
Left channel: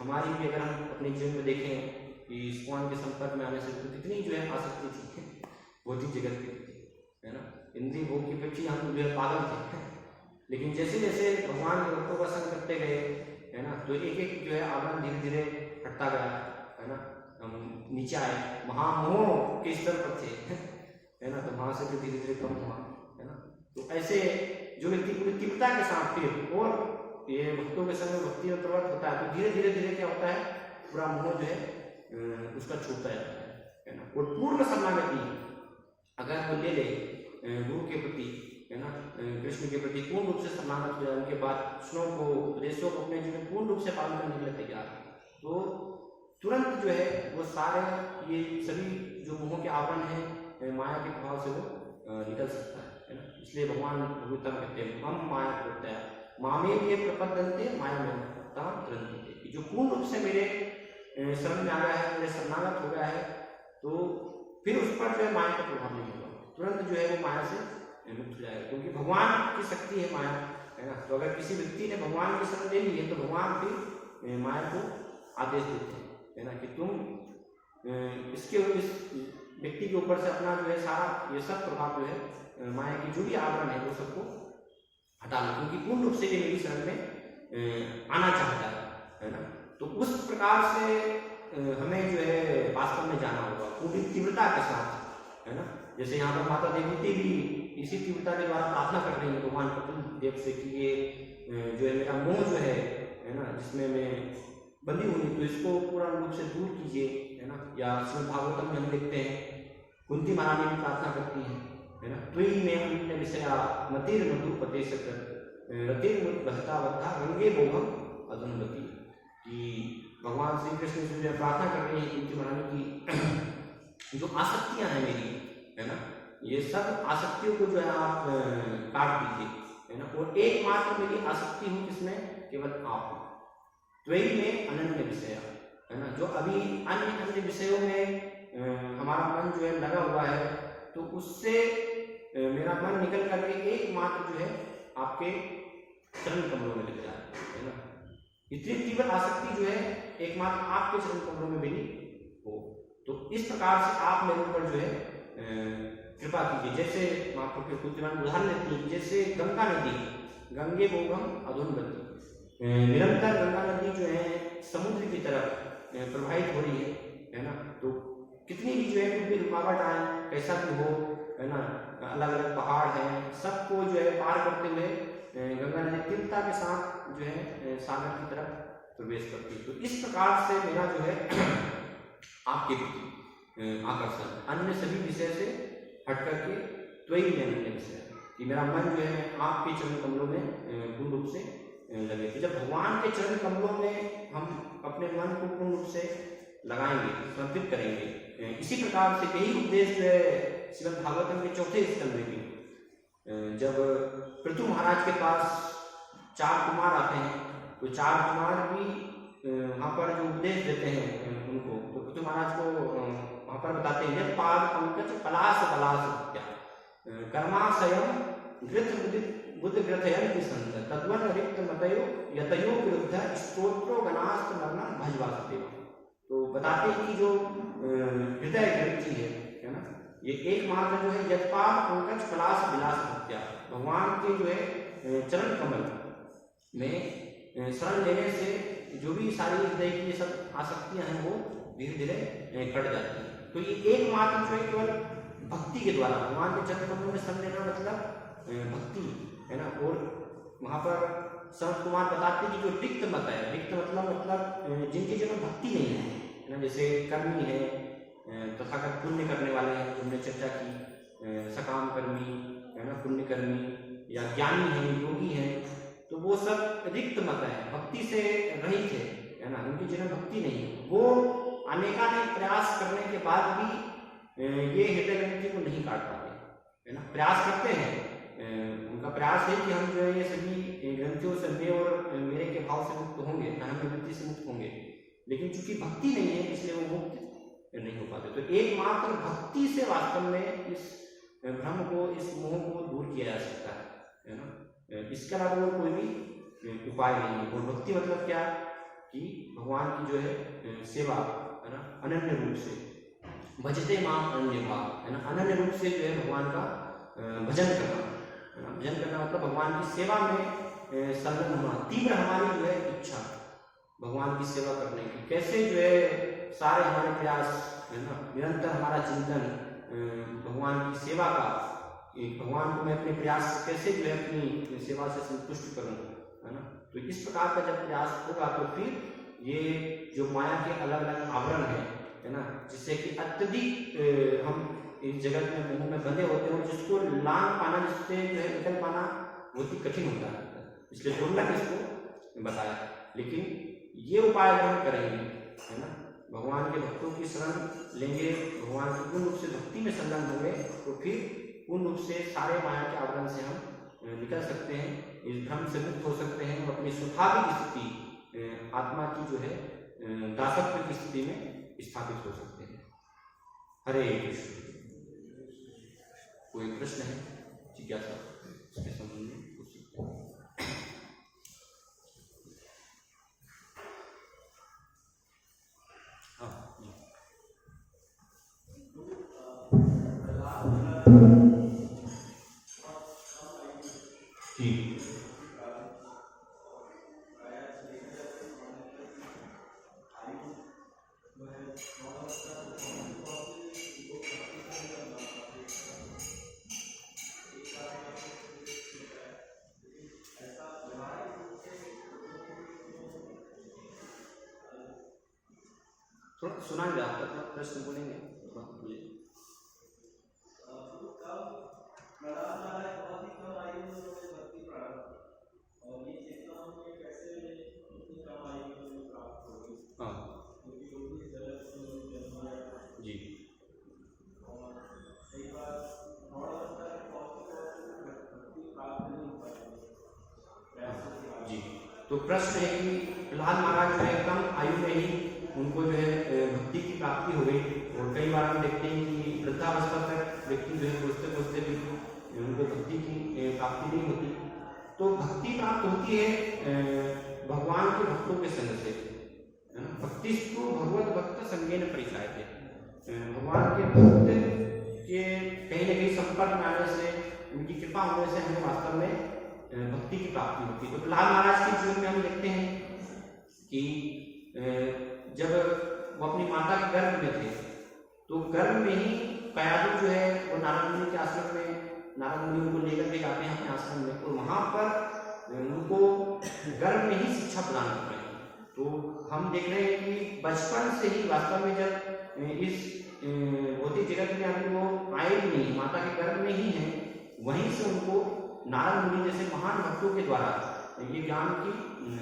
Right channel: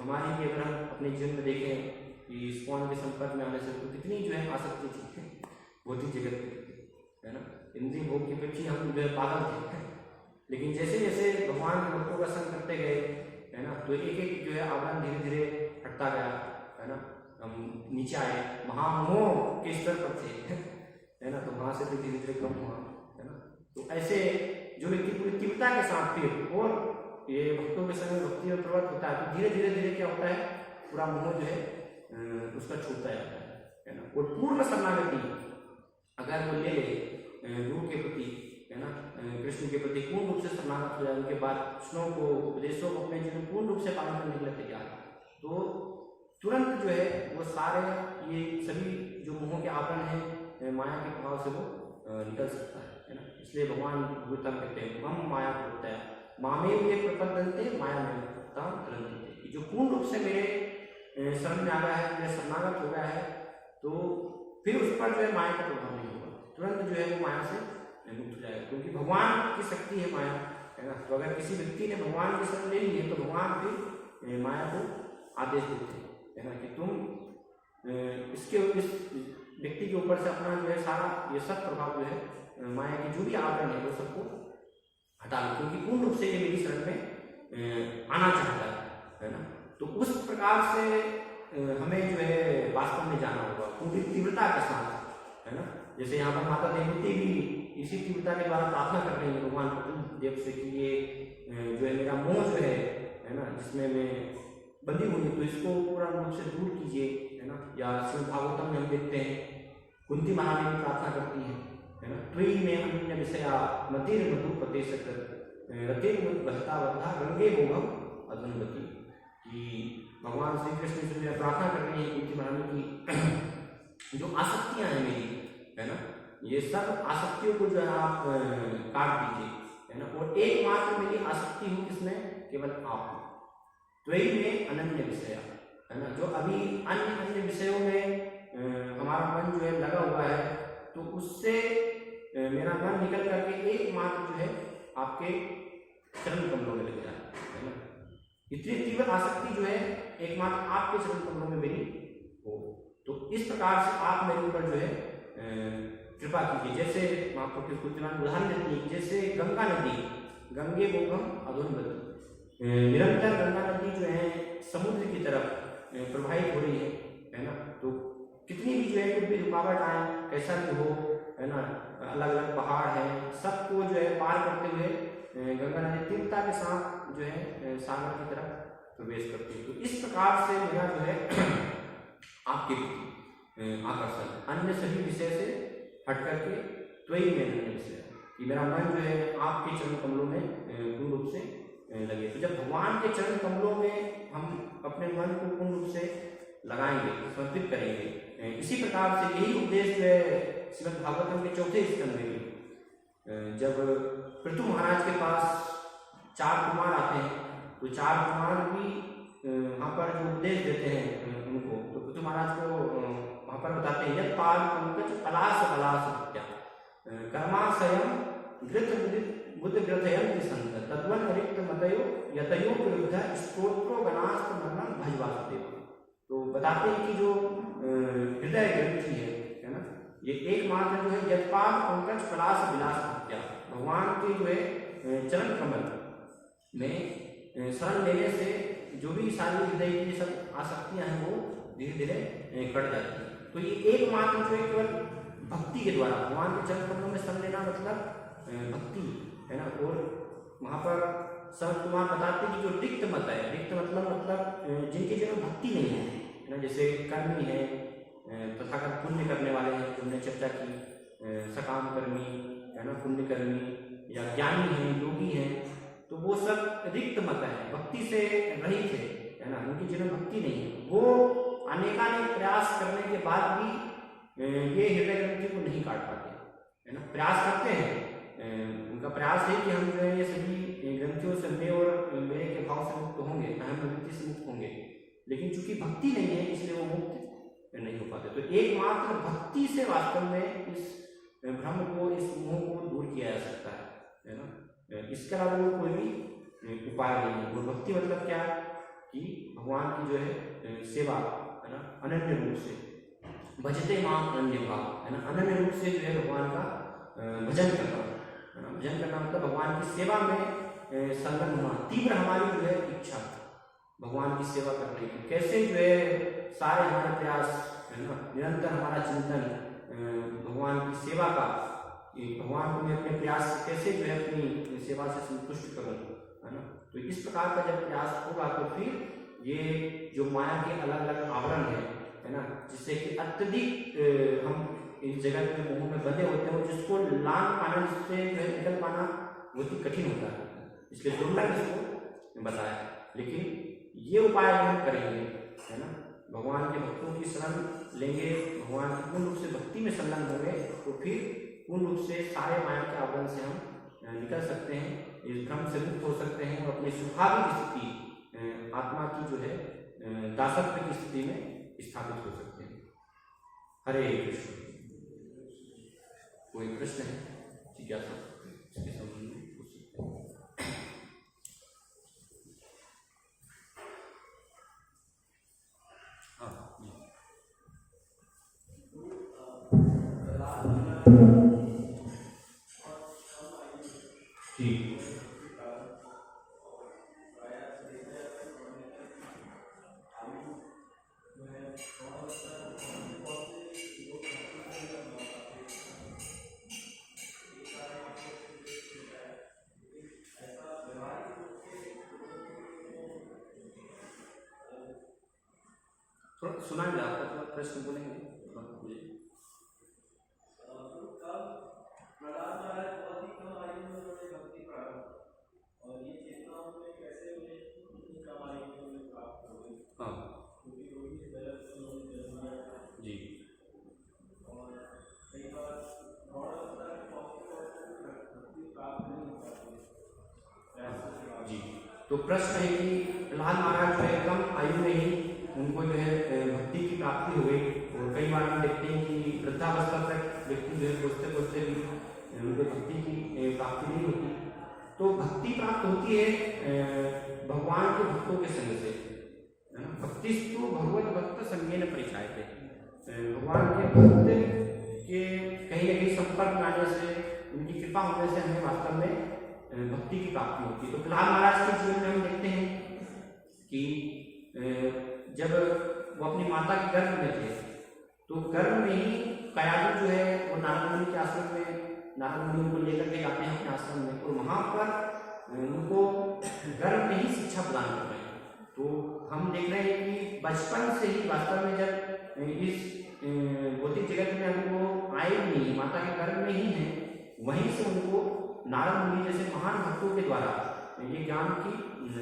हमारी भी, अगर हम अपने जीवन में देखें कि इस्कॉन के संपर्क में आने से तो कितनी जो है आसक्ति थी भौतिक जगत की प्रति, है ना। इंद्रिय भोग की प्रति हम जो है पागल थे, लेकिन जैसे जैसे भगवान के भक्तों का संग करते गए, है ना, तो एक एक जो है आवरण धीरे धीरे हटता गया, है ना। हम नीचे आए, महामोह के स्तर पर थे, है ना, तो वहां से भी धीरे धीरे कम हुआ, है ना। तो ऐसे जो व्यक्ति पूरी तीव्रता के साथ फिर और ये भक्तों के संग भक्ति में प्रवृत्त होता है तो धीरे धीरे धीरे क्या होता है, पूरा मोह जो है उसका छूटता जाता है ना। और पूर्ण शरणागति अगर वो ले ले गुरु के प्रति, है ना, कृष्ण के प्रति पूर्ण रूप से शरणागत हो जाए, उनके बाद कृष्णों को उपदेशों को अपने जीवन पूर्ण रूप से पालन करने के लिए तैयार है, तो तुरंत जो है वो सारे ये सभी जो मोह के आवरण है माया के प्रभाव से वो निकल सकता है ना। इसलिए भगवान भगवता में कहते हैं मम माया प्रत्यय मामेव ये प्रपद्यन्ते माया में तरंती, जो पूर्ण रूप से मेरे शरण में आ गया है, मेरे शरणागत हो गया है, तो फिर उस पर जो है माया का प्रभाव नहीं होगा, तुरंत जो है वो माया से मुक्त हो जाएगा, क्योंकि भगवान की शक्ति है माया, है ना। तो अगर किसी व्यक्ति ने भगवान की शरण ले ली है तो भगवान फिर माया को आदेश देते हैं, है ना, कि तुम इस व्यक्ति के ऊपर से अपना जो है सारा ये सब प्रभाव जो है माया की जो भी आवरण है वो सबको हटा लो, क्योंकि पूर्ण रूप से ये मेरी शरण में आना चाहता है ना। तो उस प्रकार से हमें जो है वास्तव में जाना होगा पूरी तीव्रता के साथ, है ना। जैसे यहाँ पर माता देवी भी इसी तीव्रता के द्वारा प्रार्थना कर रही है भगवान कपिल देव से कि ये जो है मेरा मोह जो है ना, जिसमें मैं बंदी हुई, तो इसको पूरा रूप से दूर कीजिए, है ना। या श्रीमद् भागवतम में हम देखते हैं कुंती महारानी भी प्रार्थना करती है ना, त्वयि में अन्य विषया मतिर मधु पते सकर रतिर बहता बता गंगे भोगम अधुनवती, कि भगवान श्री कृष्ण से जो प्रार्थना कर रही है कुंती महारानी की जो आसक्तियां हैं मेरी, है ना, ये सब आसक्तियों को जो है आप काट दीजिए, है ना। और एकमात्र मेरी आसक्ति हूँ किसमें, केवल आप, त्वयि में अनन्य विषय, है ना। जो अभी अन्य अन्य विषयों में हमारा मन जो है लगा हुआ है, तो उससे मेरा मन निकल करके एकमात्र जो है आपके चरण कमलों में लग जाए, है ना। इतनी तीव्र आसक्ति जो है एकमात्र आपके चरण कमलों में मेरी हो, तो इस प्रकार से आप मेरे ऊपर जो है कृपा कीजिए। जैसे मैं आपको कुछ उदाहरण देती हूँ, जैसे गंगा नदी, गंगे बोगम अधुनवती, निरंतर गंगा नदी जो है समुद्र की तरफ प्रवाहित हो रही है ना। तो कितनी भी जो है रुकावट आए, कैसा भी हो, है ना, अलग अलग पहाड़ हैं, सबको जो है पार करते हुए गंगा नदी तीव्रता के साथ जो है सागर की तरफ प्रवेश करती है। तो इस प्रकार से मेरा जो है आपके प्रति आकर्षण अन्य सभी विषय से हट करके त्वयि में अन्य विषय, कि मेरा मन जो है आपके चरण कमलों में पूर्ण रूप से लगे। तो जब भगवान के चरण कमलों में हम अपने मन को पूर्ण रूप से लगाएंगे, समर्पित करेंगे, इसी प्रकार से यही उपदेश जो है श्रीमद् भागवतम के चौथे स्कंद में, जब पृथु महाराज के पास 4 कुमार आते हैं, तो 4 कुमार भी वहाँ पर जो उपदेश देते हैं उनको, तो पृथु महाराज को वहाँ पर बताते हैं यद पाद पंकज पलाश पलाश क्या कर्माशयम गृथ बुद्ध ग्रथयंति संत तद्वन रिक्त मतयो यतयो विरुद्ध स्तोत्रो गणास्त्र मरणम भजवासुदेव। तो बताते हैं कि जो हृदय ग्रंथि है ना, ये एकमात्र जो है यदपाद पंकज पलाश विलास हत्या, भगवान के जो है चरण कमल में शरण लेने से जो भी सारी हृदय की सब आसक्तियां हैं वो धीरे धीरे कट जाती हैं। तो ये एकमात्र जो है केवल भक्ति के द्वारा भगवान के चरण कमलों में शरण लेना मतलब भक्ति है ना। और वहाँ पर संत कुमार बताते हैं कि जो रिक्त मत है, रिक्त मतलब जिनके जीवन में भक्ति नहीं है ना, जैसे कर्मी है, तथागत पुण्य करने वाले हैं, हमने चर्चा की, सकाम कर्मी है ना, पुण्य कर्मी या ज्ञानी है, योगी है, तो वो सब रिक्त मत है, भक्ति से रहित है ना, उनके जीवन में भक्ति नहीं है। वो अनेकानेक प्रयास करने के बाद भी ये हृदय ग्रंथि को नहीं काट पाते है ना। प्रयास करते हैं, उनका प्रयास है कि हम जो है ये सभी ग्रंथियों से मैं और मेरे के भाव से मुक्त होंगे, अहम प्रवृत्ति से मुक्त होंगे, लेकिन चूंकि भक्ति नहीं है इसलिए वो मुक्त नहीं हो पाते। तो एकमात्र भक्ति से वास्तव में इस भ्रम को, इस मोह को दूर किया जा सकता है ना। इसके अलावा कोई भी उपाय नहीं है। और भक्ति मतलब क्या कि भगवान की जो है सेवा है ना, अनन्य रूप से भजते माम अनन्य भाव है ना, अनन्य रूप से जो है भगवान का भजन करना है ना। भजन करना मतलब भगवान की सेवा में संलग्न होना, तीव्र हमारी जो है इच्छा भगवान की सेवा करने की, कैसे जो है सारे हमारे प्रयास है ना, निरंतर हमारा चिंतन भगवान की सेवा का, भगवान को मैं अपने प्रयास से कैसे जो है अपनी सेवा से संतुष्ट करूँ है ना। तो इस प्रकार का जब प्रयास होगा तो फिर ये जो माया के अलग अलग आवरण है ना, जिससे कि अत्यधिक हम इस जगत में मोह में बंधे होते हैं, जिसको लांग पाना, जिससे जो है निकल पाना बहुत ही कठिन होता है, इसलिए दुर्लभ इसको बताया। लेकिन ये उपाय हम करेंगे है ना, भगवान के भक्तों की शरण लेंगे, भगवान की पूर्ण रूप से भक्ति में संलग्न होंगे, तो फिर पूर्ण रूप से सारे माया के आवरण से हम निकल सकते हैं, इस भ्रम से मुक्त हो सकते हैं और अपनी स्वाभाविक स्थिति आत्मा की जो है दासत्व की स्थिति में स्थापित हो सकते हैं। हरे कृष्ण। कोई प्रश्न है, जिज्ञासा इसके संबंध में पूछ सकते हैं। थोड़ा सुनाइए, आपका थोड़ा प्रश्न बोलेंगे, थोड़ा बोलिए। हाँ जी जी। तो प्रश्न है कि प्रहलाद महाराज जो है कम आयु में ही उनको जो है भक्ति की प्राप्ति हो गई, और कई बार हम देखते हैं कि वृद्धावस्था तक व्यक्ति जो है खोजते खोजते भी उनको भक्ति की प्राप्ति नहीं होती। तो भक्ति प्राप्त होती है भगवान के भक्तों के संग से है ना। भक्तिस्तु भगवत भक्त संगेन परिचायते, भगवान के भक्त के कहीं न कहीं संपर्क में आने से, उनकी कृपा होने से हमें वास्तव में भक्ति की प्राप्ति होती है। तो प्रहलाद महाराज के जीवन में हम देखते हैं कि जब वो अपनी माता के गर्भ में थे, तो गर्भ में ही कयादु जो है वो नारद मुनि के आश्रम में, नारद मुनि उनको लेकर के जाते हैं अपने आश्रम में, तो वहाँ पर उनको गर्भ में ही शिक्षा प्रदान कर रहे हैं। तो हम देख रहे हैं कि बचपन से ही वास्तव में जब इस भौतिक जगत में अभी वो आए ही नहीं, माता के गर्भ में ही हैं, वहीं से उनको नारद मुनि जैसे महान भक्तों के द्वारा ये ज्ञान की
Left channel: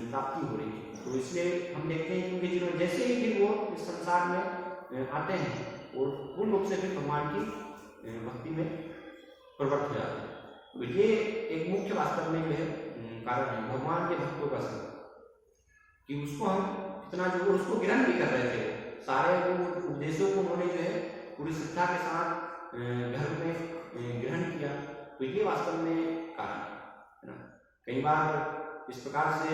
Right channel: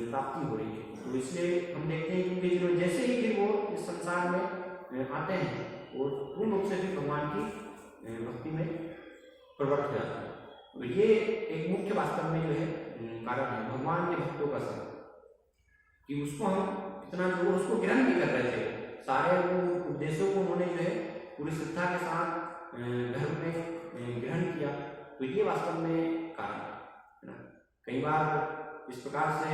प्राप्ति हो रही है। तो इसलिए हम देखते हैं कि उनके जीवन जैसे ही फिर वो इस संसार में आते हैं और पूर्ण रूप से फिर भगवान की भक्ति में प्रवृत्त हो जाते हैं। तो ये एक मुख्य वास्तव में जो है कारण है भगवान के भक्तों का संग, कि उसको हम इतना जो उसको ग्रहण भी कर रहे थे, सारे वो उपदेशों को उन्होंने जो है पूरी श्रद्धा के साथ धर्म में ग्रहण किया। तो ये वास्तव में कारण है ना। कई बार इस प्रकार से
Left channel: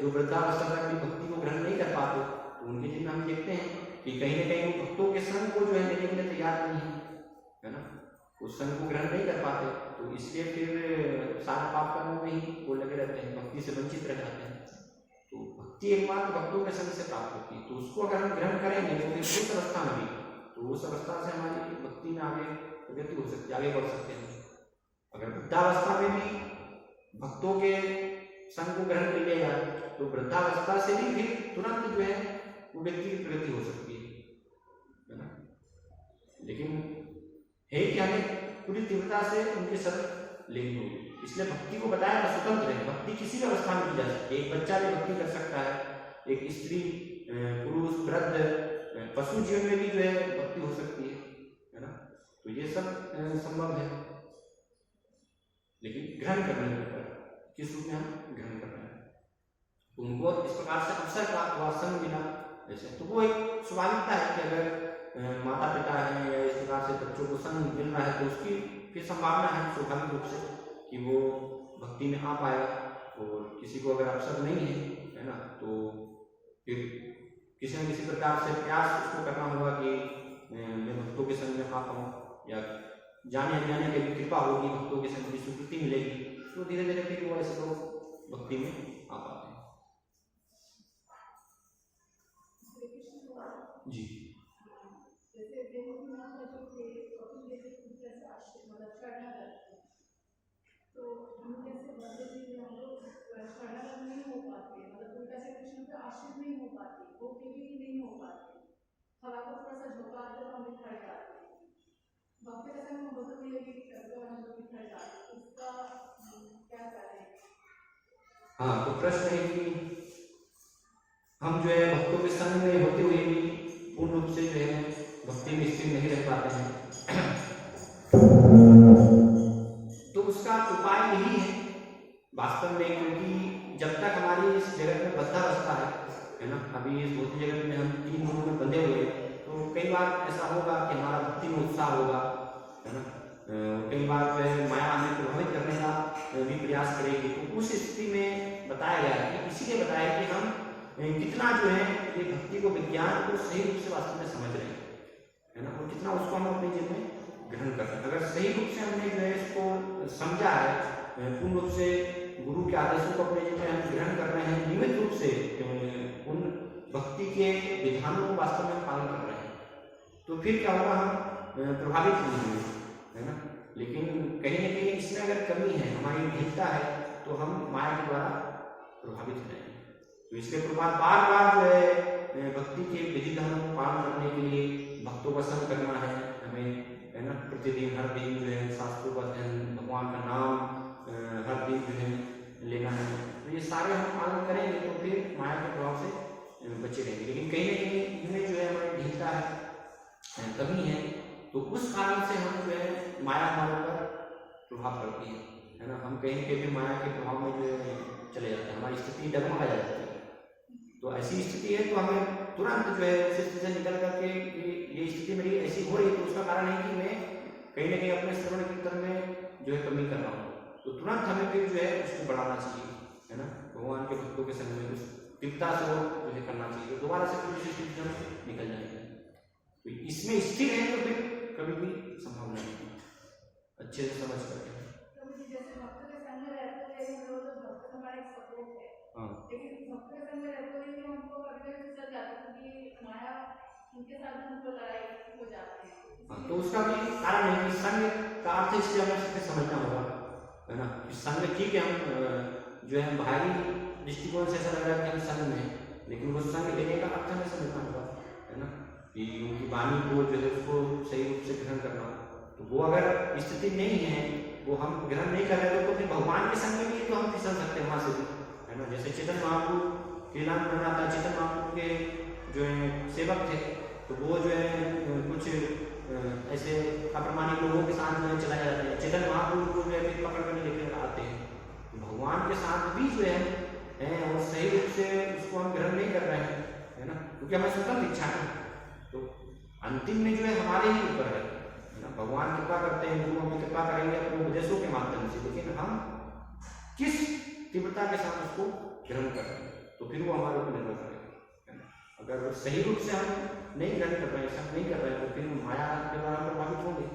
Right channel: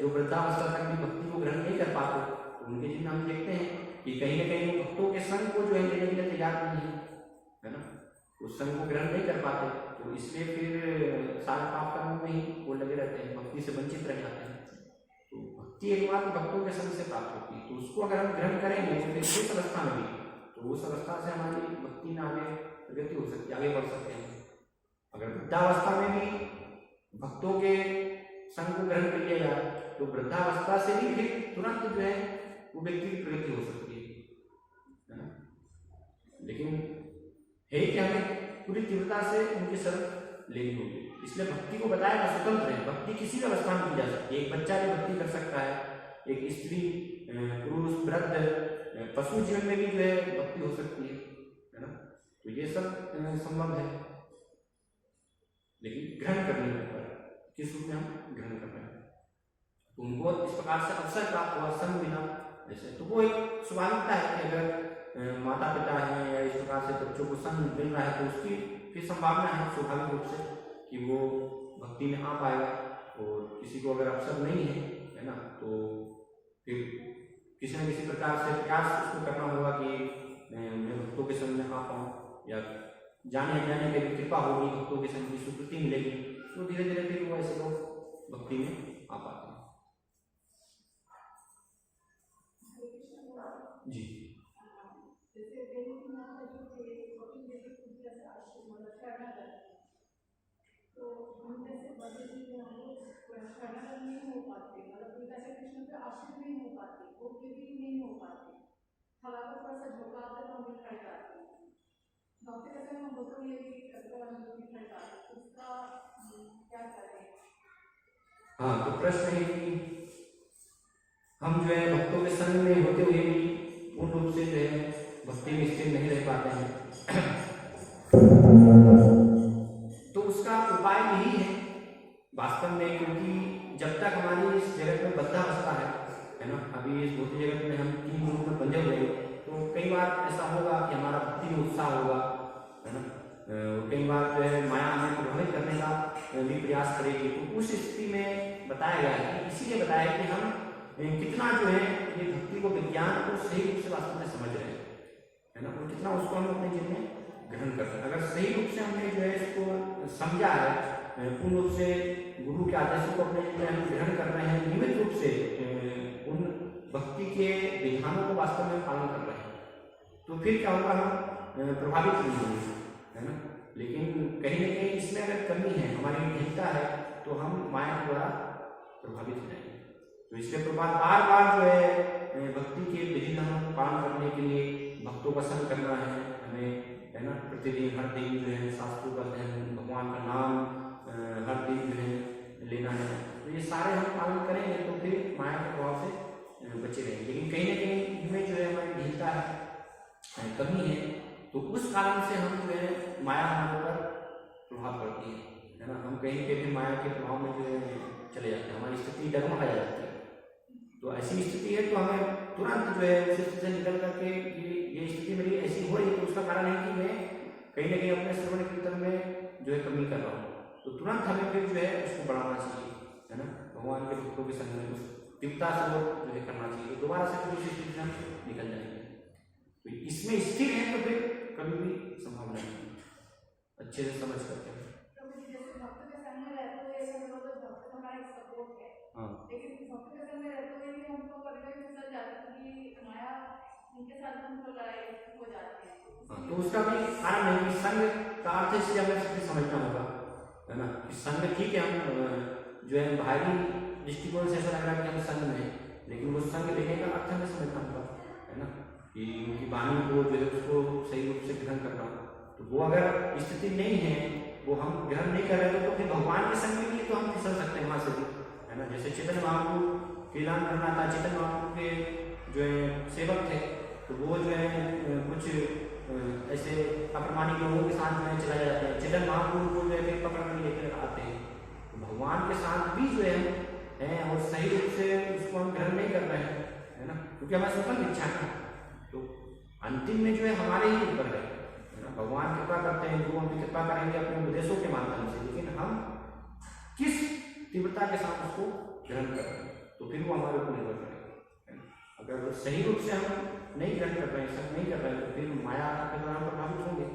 जो वृद्धावस्था तक भी भक्ति को ग्रहण नहीं कर पाते, तो उनके जीवन हम देखते हैं कि कहीं ना कहीं भक्तों के संग को जो है लेने के लिए तैयार नहीं है ना, उस संग को ग्रहण नहीं कर पाते। तो इसलिए फिर सारे पाप कर्मों में ही वो लगे रहते हैं, भक्ति से वंचित रह जाते हैं। तो भक्ति एकमात्र भक्तों के संग से प्राप्त होती है, तो उसको अगर हम ग्रहण करेंगे तो फिर इस अवस्था में भी, तो उस अवस्था से हमारी भक्ति में आगे प्रगति हो सकती है, आगे बढ़ सकते हैं। अगर वृद्धावस्था में भी भक्तों के संग को ग्रहण कर लिया जाए तो वृद्धावस्था से भी फिर तुरंत जो है वो व्यक्ति की प्रगति हो सकती है ना। लेकिन है कि हमें पूरी तीव्रता से उनके शरण लेनी होगी। इसलिए भक्ति को बताया था स्वतंत्र है, भक्ति किसी भी अवस्था में की जा सकती है। एक बच्चा भी भक्ति कर सकता है, एक स्त्री, पुरुष, वृद्ध, पशु जीवन में भी जो है भक्ति हो सकती है ना। तो ये सब संभव है, लेकिन ग्रहण करने के ऊपर किस रूप में हम ग्रहण कर रहे हैं। तो उनको इस प्रकार से अवसर प्राप्त हुआ, संग मिला जैसे, तो वो एक स्वाभाविकता है कि अगर माता पिता हैं या इस प्रकार से बच्चों को संग मिल रहा है तो उसकी फिर संभावना है स्वाभाविक रूप से कि वो भक्ति में आ पाएगा। और किसी को अगर अवसर नहीं है ना, तो फिर किसी न किसी प्रकार से प्रयास उसको करना होगा कि मैं भक्तों के संग में आ पाऊँ, या जाने अनजाने की कृपा होगी, भक्तों के संग की स्वीकृति मिलेगी, तो धीरे धीरे फिर वो ऐसे लोग भक्ति में आ पाते हैं। जी हाँ, तो प्रश्न है कि हम जो है भक्तों के संग में होते हुए भी पूर्ण रूप से जो है भक्ति में स्थिर नहीं रह पाते हैं। तो उसका उपाय यही है वास्तव में, क्योंकि जब तक हमारी इस जगत में बद्धावस्था है ना, अभी इस भौतिक जगत में हम 3 गुणों में बंधे हुए हैं, तो कई बार ऐसा होगा कि हमारा भक्ति में उत्साह होगा, है ना। कई बार जो है माया हमें प्रभावित करने का भी प्रयास करेगी। तो उस स्थिति में बताया गया है, इसीलिए बताया कि हम कितना जो है ये भक्ति को, विज्ञान को सही रूप से वास्तव में समझ रहे हैं, है ना, और कितना उसको हम अपने जीवन में ग्रहण करते हैं। अगर सही रूप से हमने जो है इसको समझा है, पूर्ण रूप से गुरु के आदेशों को अपने जीवन में हम ग्रहण कर रहे हैं, नियमित रूप से उन भक्ति के विधानों को वास्तव में पालन कर रहे हैं, तो फिर क्या होगा, हम प्रभावित नहीं होंगे, है ना। लेकिन कहीं ना कहीं इसमें अगर कमी है, हमारी ढीलता है, तो हम माया के द्वारा प्रभावित हो जाएंगे। तो इसलिए प्रभात बार बार जो है भक्ति के विधि विधानों को पालन करने के लिए भक्तों का संग करना है हमें, है ना। प्रतिदिन हर दिन जो है शास्त्रों का अध्ययन, भगवान का नाम हर दिन जो है लेना है। तो ये सारे हम पालन करेंगे तो फिर माया के प्रभाव से बचे रहेंगे। लेकिन कहीं ना कहीं इनमें जो है हमारी ढीलता है, कमी है, तो उस कारण से हम जो है माया हमारे पर प्रभाव करती है ना। हम कहीं के भी माया के प्रभाव में जो है चले जाते हैं, हमारी स्थिति डगमगा जाती है। तो ऐसी स्थिति है तो हमें तुरंत जो है उस स्थिति से निकल करके कि ये स्थिति मेरी ऐसी हो रही है, तो उसका कारण है कि मैं कहीं ना कहीं अपने श्रवण कीर्तन में जो है कमी कर रहा हूँ। तो तुरंत हमें फिर जो है उसको बढ़ाना चाहिए, है ना। भगवान के भक्तों के संग में उस तीव्रता से वो जो है करना चाहिए, तो दोबारा से फिर उस स्थिति से हम निकल जाएंगे। तो इसमें स्थिर है तो फिर कभी भी संभावना नहीं, अच्छे से समझ करके। हाँ, तो उसका भी कारण है कि संग का अर्थ इसलिए हमें समझना होगा, है ना, कि संग ठीक है, हम जो है बाहरी दृष्टिकोण से ऐसा लग रहा है कि हम संग में, लेकिन वो संग लेने का अर्थ हमें समझना होगा, है ना, कि उनकी वाणी को जो है उसको सही रूप से ग्रहण करना। तो वो अगर स्थिति नहीं है, वो हम ग्रहण नहीं कर रहे तो फिर भगवान के संग में भी तो हम फिसल सकते हैं वहां से भी, है ना। जैसे चैतन्य महाप्रभु कीर्तन करना था, चैतन्य महाप्रभु के जो है सेवक थे, तो वो जो है कुछ ऐसे अप्रमाणिक लोगों के साथ जो है चला जाते हैं, चैतन्य महाप्रभु को जो है फिर पकड़ कर लेकर आते हैं। तो भगवान के साथ भी जो है और सही रूप से उसको हम ग्रहण नहीं कर रहे हैं, है ना, क्योंकि हमारी स्वतंत्र इच्छा है। तो अंतिम में जो है हमारे ही ऊपर है ना। भगवान कृपा करते हैं, गुरु हमें कृपा करेंगे अपने उपदेशों के माध्यम से, लेकिन हम किस तीव्रता के साथ उसको ग्रहण करते हैं तो फिर वो हमारे ऊपर निर्भर करेगा। अगर सही रूप से हम नहीं ग्रहण कर रहे हैं, सब नहीं कर रहे हैं, तो फिर माया के द्वारा प्रभावित होंगे।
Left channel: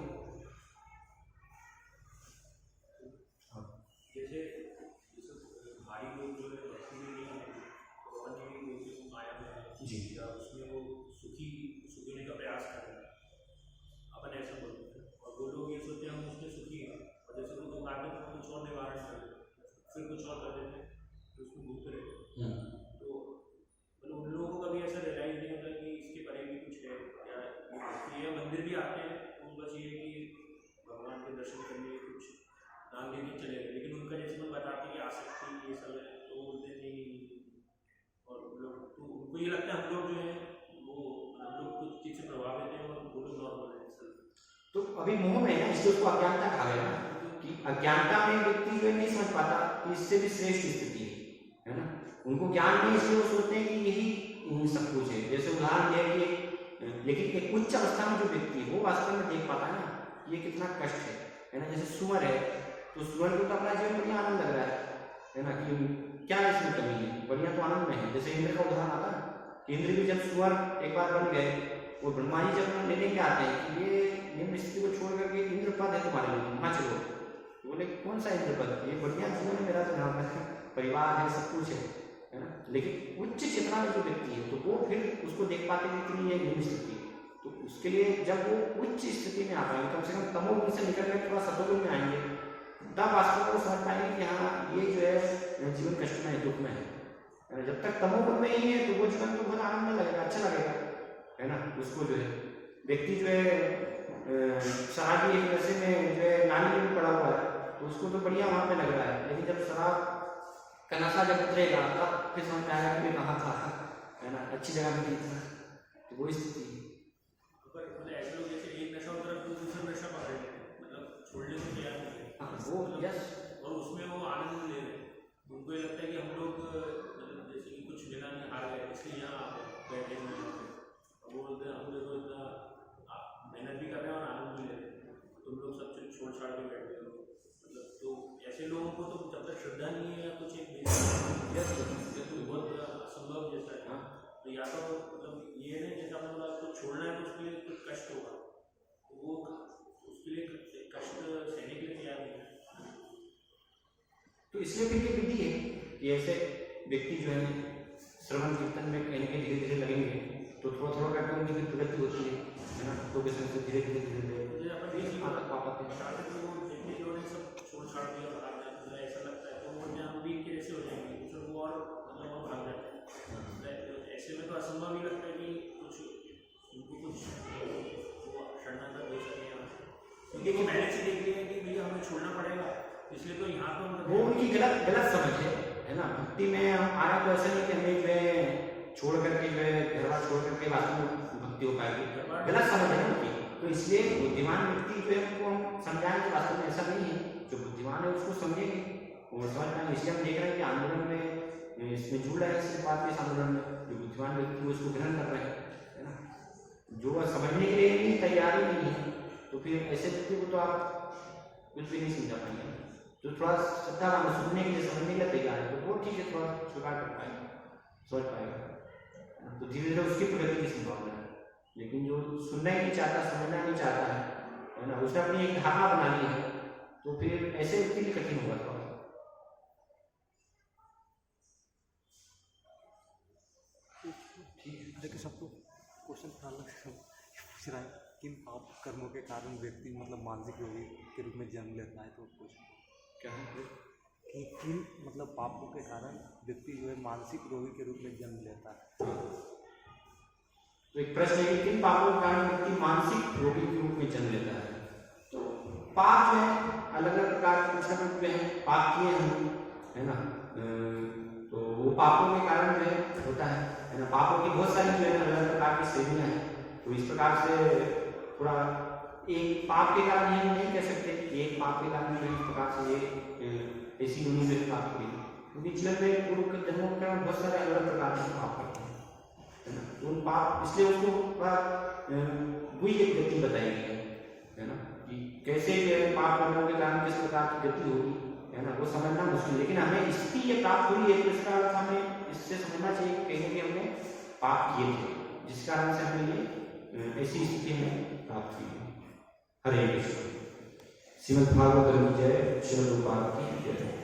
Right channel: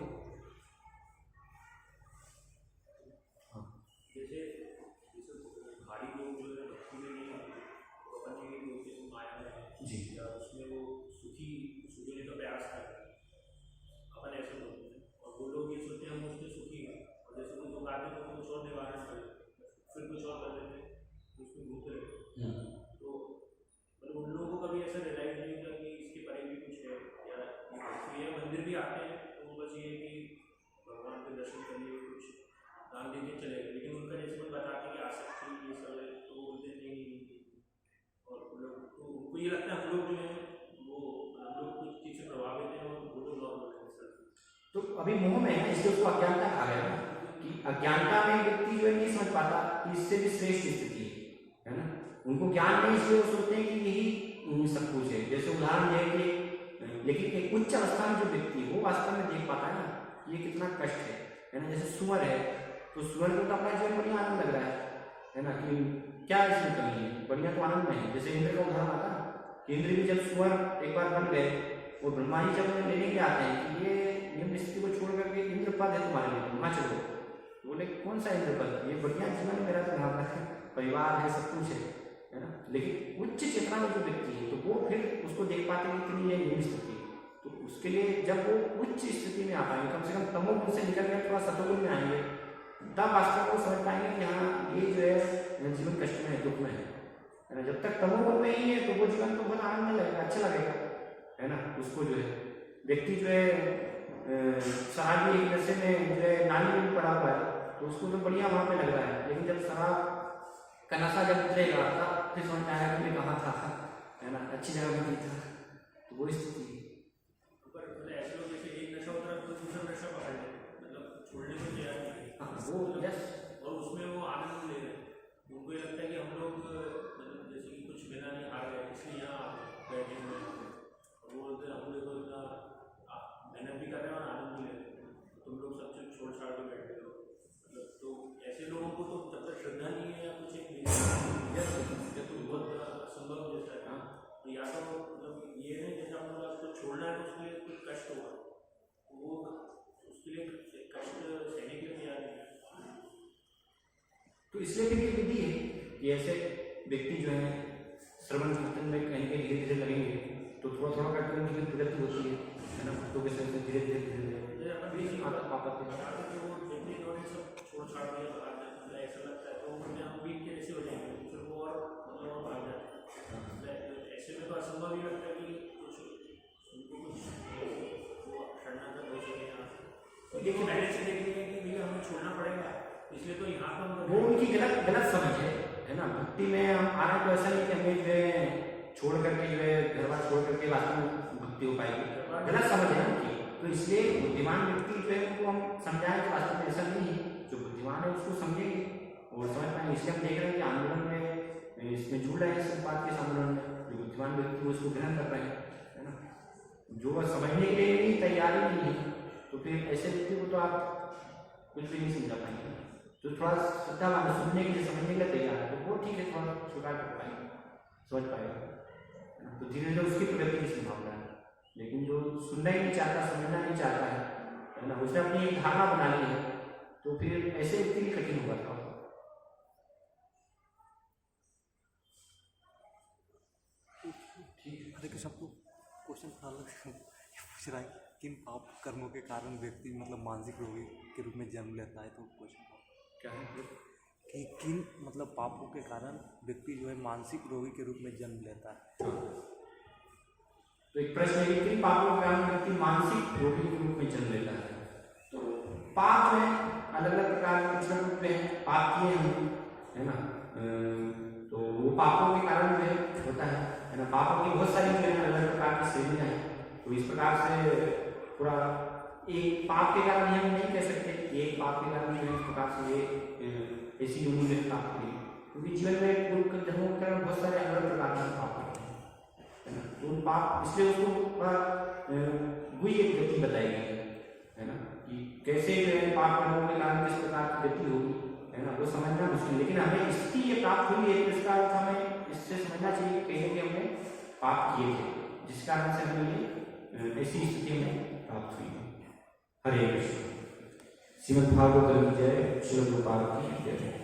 अभी मोह में है ना, इसलिए उसको अज्ञानता कहा गया ना, कि अज्ञानता में व्यक्ति जो है नहीं समझ पाता कि इससे भी श्रेष्ठ स्थिति है ना। उनको ज्ञान नहीं, इसलिए वो सोचते हैं कि यही सब कुछ है। जैसे उदाहरण है कि लेकिन एक उच्च अवस्था में जो व्यक्ति है वो वास्तव में देख पाता है ना ये कितना कष्ट है ना। जैसे सुअर है, तो सुअर को तो अपना जीवन बढ़िया आनंद लग रहा है ना, कि क्या इसमें कमी है, बढ़िया तो आनंद में है। जैसे इंद्र का उदाहरण आता है कि इंद्र भी जब सुअर एक बार बन गए और ब्रह्मा जी जब उन्हें लेने के आते हैं कि ये निम्न स्थिति को छोड़ करके इंद्र पद है तुम्हारे लिए, वहाँ चलो। बोले कौन सा इंद्र पद, ये बढ़िया जीवन है मेरा, तो यहाँ पर परिवार है, सब कुछ है ना। लेकिन उच्च चेतना में जो व्यक्ति है तो वो फिर उसको देख पाते हैं कि ये निम्न स्थिति, तो उसके लिए जब वो उच्च स्थिति में आ पाएंगे, कम से कम तमोगुण से निकल कर थोड़ा सतोगुण में आएंगे, तब वास्तव को समझ पाएंगे कि हाँ ये जो है जीवन कष्ट में है, दुख में है ना। जब तक तमोगुण में ही है तो वो जीवन तो बहुत आनंद में लगेगा, अच्छा लगेगा है ना। उसको जो है व्यक्ति जो है शराबी एक नशे में जो है नाली में पड़ा हुआ है तो उसको तो बढ़िया वहाँ पे लग रहा है, लेकिन जब शराब का नशा जब उतरेगा तब फिर समझ आएगा कि मैं कहाँ था है ना, अच्छी जगह में नहीं था। तो वो स्थिति ऐसे लोग जैसे एक नशा होता है तो दूसरा नशा पकड़ लेते हैं, मतलब छोड़ने को तैयार नहीं है। हाँ वो यस, और उसमें वो आनंद ले रहे हैं। उनको ये लगता है कि हम लोग मतलब जैसे कि कुछ बिना नहीं हार गए इसलिए यहाँ बैठे हुए हैं, वो बोलते हैं हम लोग इतना मेहनत भी कर रहे हैं और आनंद भी ले रहे हैं, तुम लोग सब कुछ छोड़ छाड़ के बैठे हो। मतलब तो ऐसे लोगों को तो जब तक श्रद्धा नहीं है या कुछ एक तो बहुत असंभव जैसा है। तो या तो मतलब ये है जैसा बोला आपको छोड़ना है तो उसके लिए कुछ कष्ट होगा, वो उसके लिए कष्ट सहने के लिए तैयार नहीं है। तो इसलिए फिर ये विधि है कि ऐसे व्यक्ति जो है श्रवण कीर्तन में कहीं कहीं धीरे धीरे लगेंगे तो थोड़ा थोड़ा करके उनकी भी प्रगति होती है ना। तो कैसे धीरे धीरे धीरे धीरे छोड़ छाड़ के ऐसा लगता है तो वो वीक के जैसे हो जाएंगे, दूसरे को और मतलब भाग जाते हैं। ऐसे में तो असंभव ही लगता है कि कुछ उनको कुछ वो शरणागत हो सके यहाँ से। लेकिन पहले से देख लिया कि भैया हमें छोड़ना पड़ेगा, इसलिए तो यहाँ पर वो उनकी गलत समझ है ना। भक्ति में हम आ रहे तो ऐसा नहीं कि हमें जो है छोड़ करके जो है घर बार छोड़ करके वास्तव में भक्ति हो पाएगी, गलत समझ है उनकी। तो इसलिए बुद्धिमान व्यक्ति जो है उनको हम समझाएं कि वास्तव में ऐसा नहीं है, जो बुद्धिमान है उसको समझेंगे और समझ पाएंगे। इसलिए हम देख रहे हैं कि आंदोलन में इसमें जुड़ रहे हैं, इस बात के आंदोलन में जो बुद्धिमान व्यक्ति वो इसको ग्रहण कर रहे हैं है ना। जो समझने के लिए नहीं तैयार ही नहीं है तो फिर ऐसे व्यक्ति को तो आप कुछ भी नहीं समझा पाएंगे। तो थोड़ा श्रद्धावान सुनने के लिए समझने के लिए तैयार है तो वो ठीक है, थोड़ा स्वीकार कर पाएंगे, समझ पाएगा। तो धीरे धीरे उसकी प्रगति की संभावना है। लेकिन जो सुनना ही नहीं चाहता, समझना नहीं चाहता है ना, उसने अपनी एक धारणा बना ली है तो फिर ऐसे व्यक्ति लिए कठिन होगा थोड़ा। ठीक है, देखिए सबको क्वेश्चन पूछ रहा है किन पाप कर्मों के कारण व्यक्ति मतलब मानसिक रोगी के रूप में जन्म लेता है। तो क्वेश्चन क्या है कि किन मतलब पापों के कारण व्यक्ति जो है मानसिक रोगी के रूप में जन्म लेता है। तो एक प्रश्न है कि किन पापों के कारण व्यक्ति मानसिक रोगी के रूप में जन्म लेता है। तो पाप जो है अलग अलग प्रकार के कुछ रूप में है, पाप किए हम है ना, तो वो पापों के कारण जो है होता है ना। पापों की बहुत सारी जो है अलग अलग प्रकार की श्रेणियाँ हैं। तो इस प्रकार से पूरा एक पाप के कारण हम नहीं कह सकते कि एक पाप के कारण जो है इस प्रकार से ऐसी यूनिट प्राप्त हुई, क्योंकि जीवन में पूर्व जन्मों के कारण बहुत सारे अलग अलग प्रकार के पाप होते हैं है ना। तो उन पाप इसलिए उसको वही एक गति बताई गई है ना कि कैसे पाप कर्मों के कारण किस प्रकार की गति होगी है ना, वो समझना मुश्किल। लेकिन हमें स्थिति ये प्राप्त हुई है तो इसका अर्थ हमें इससे समझना चाहिए कि कहीं भी हमने पाप किए थे जिस कारण से हमें ये ऐसी स्थिति में प्राप्त हुई है। हरे कृष्ण। श्रीमद् भागवत जय, श्रीमद् गोपाल की जय।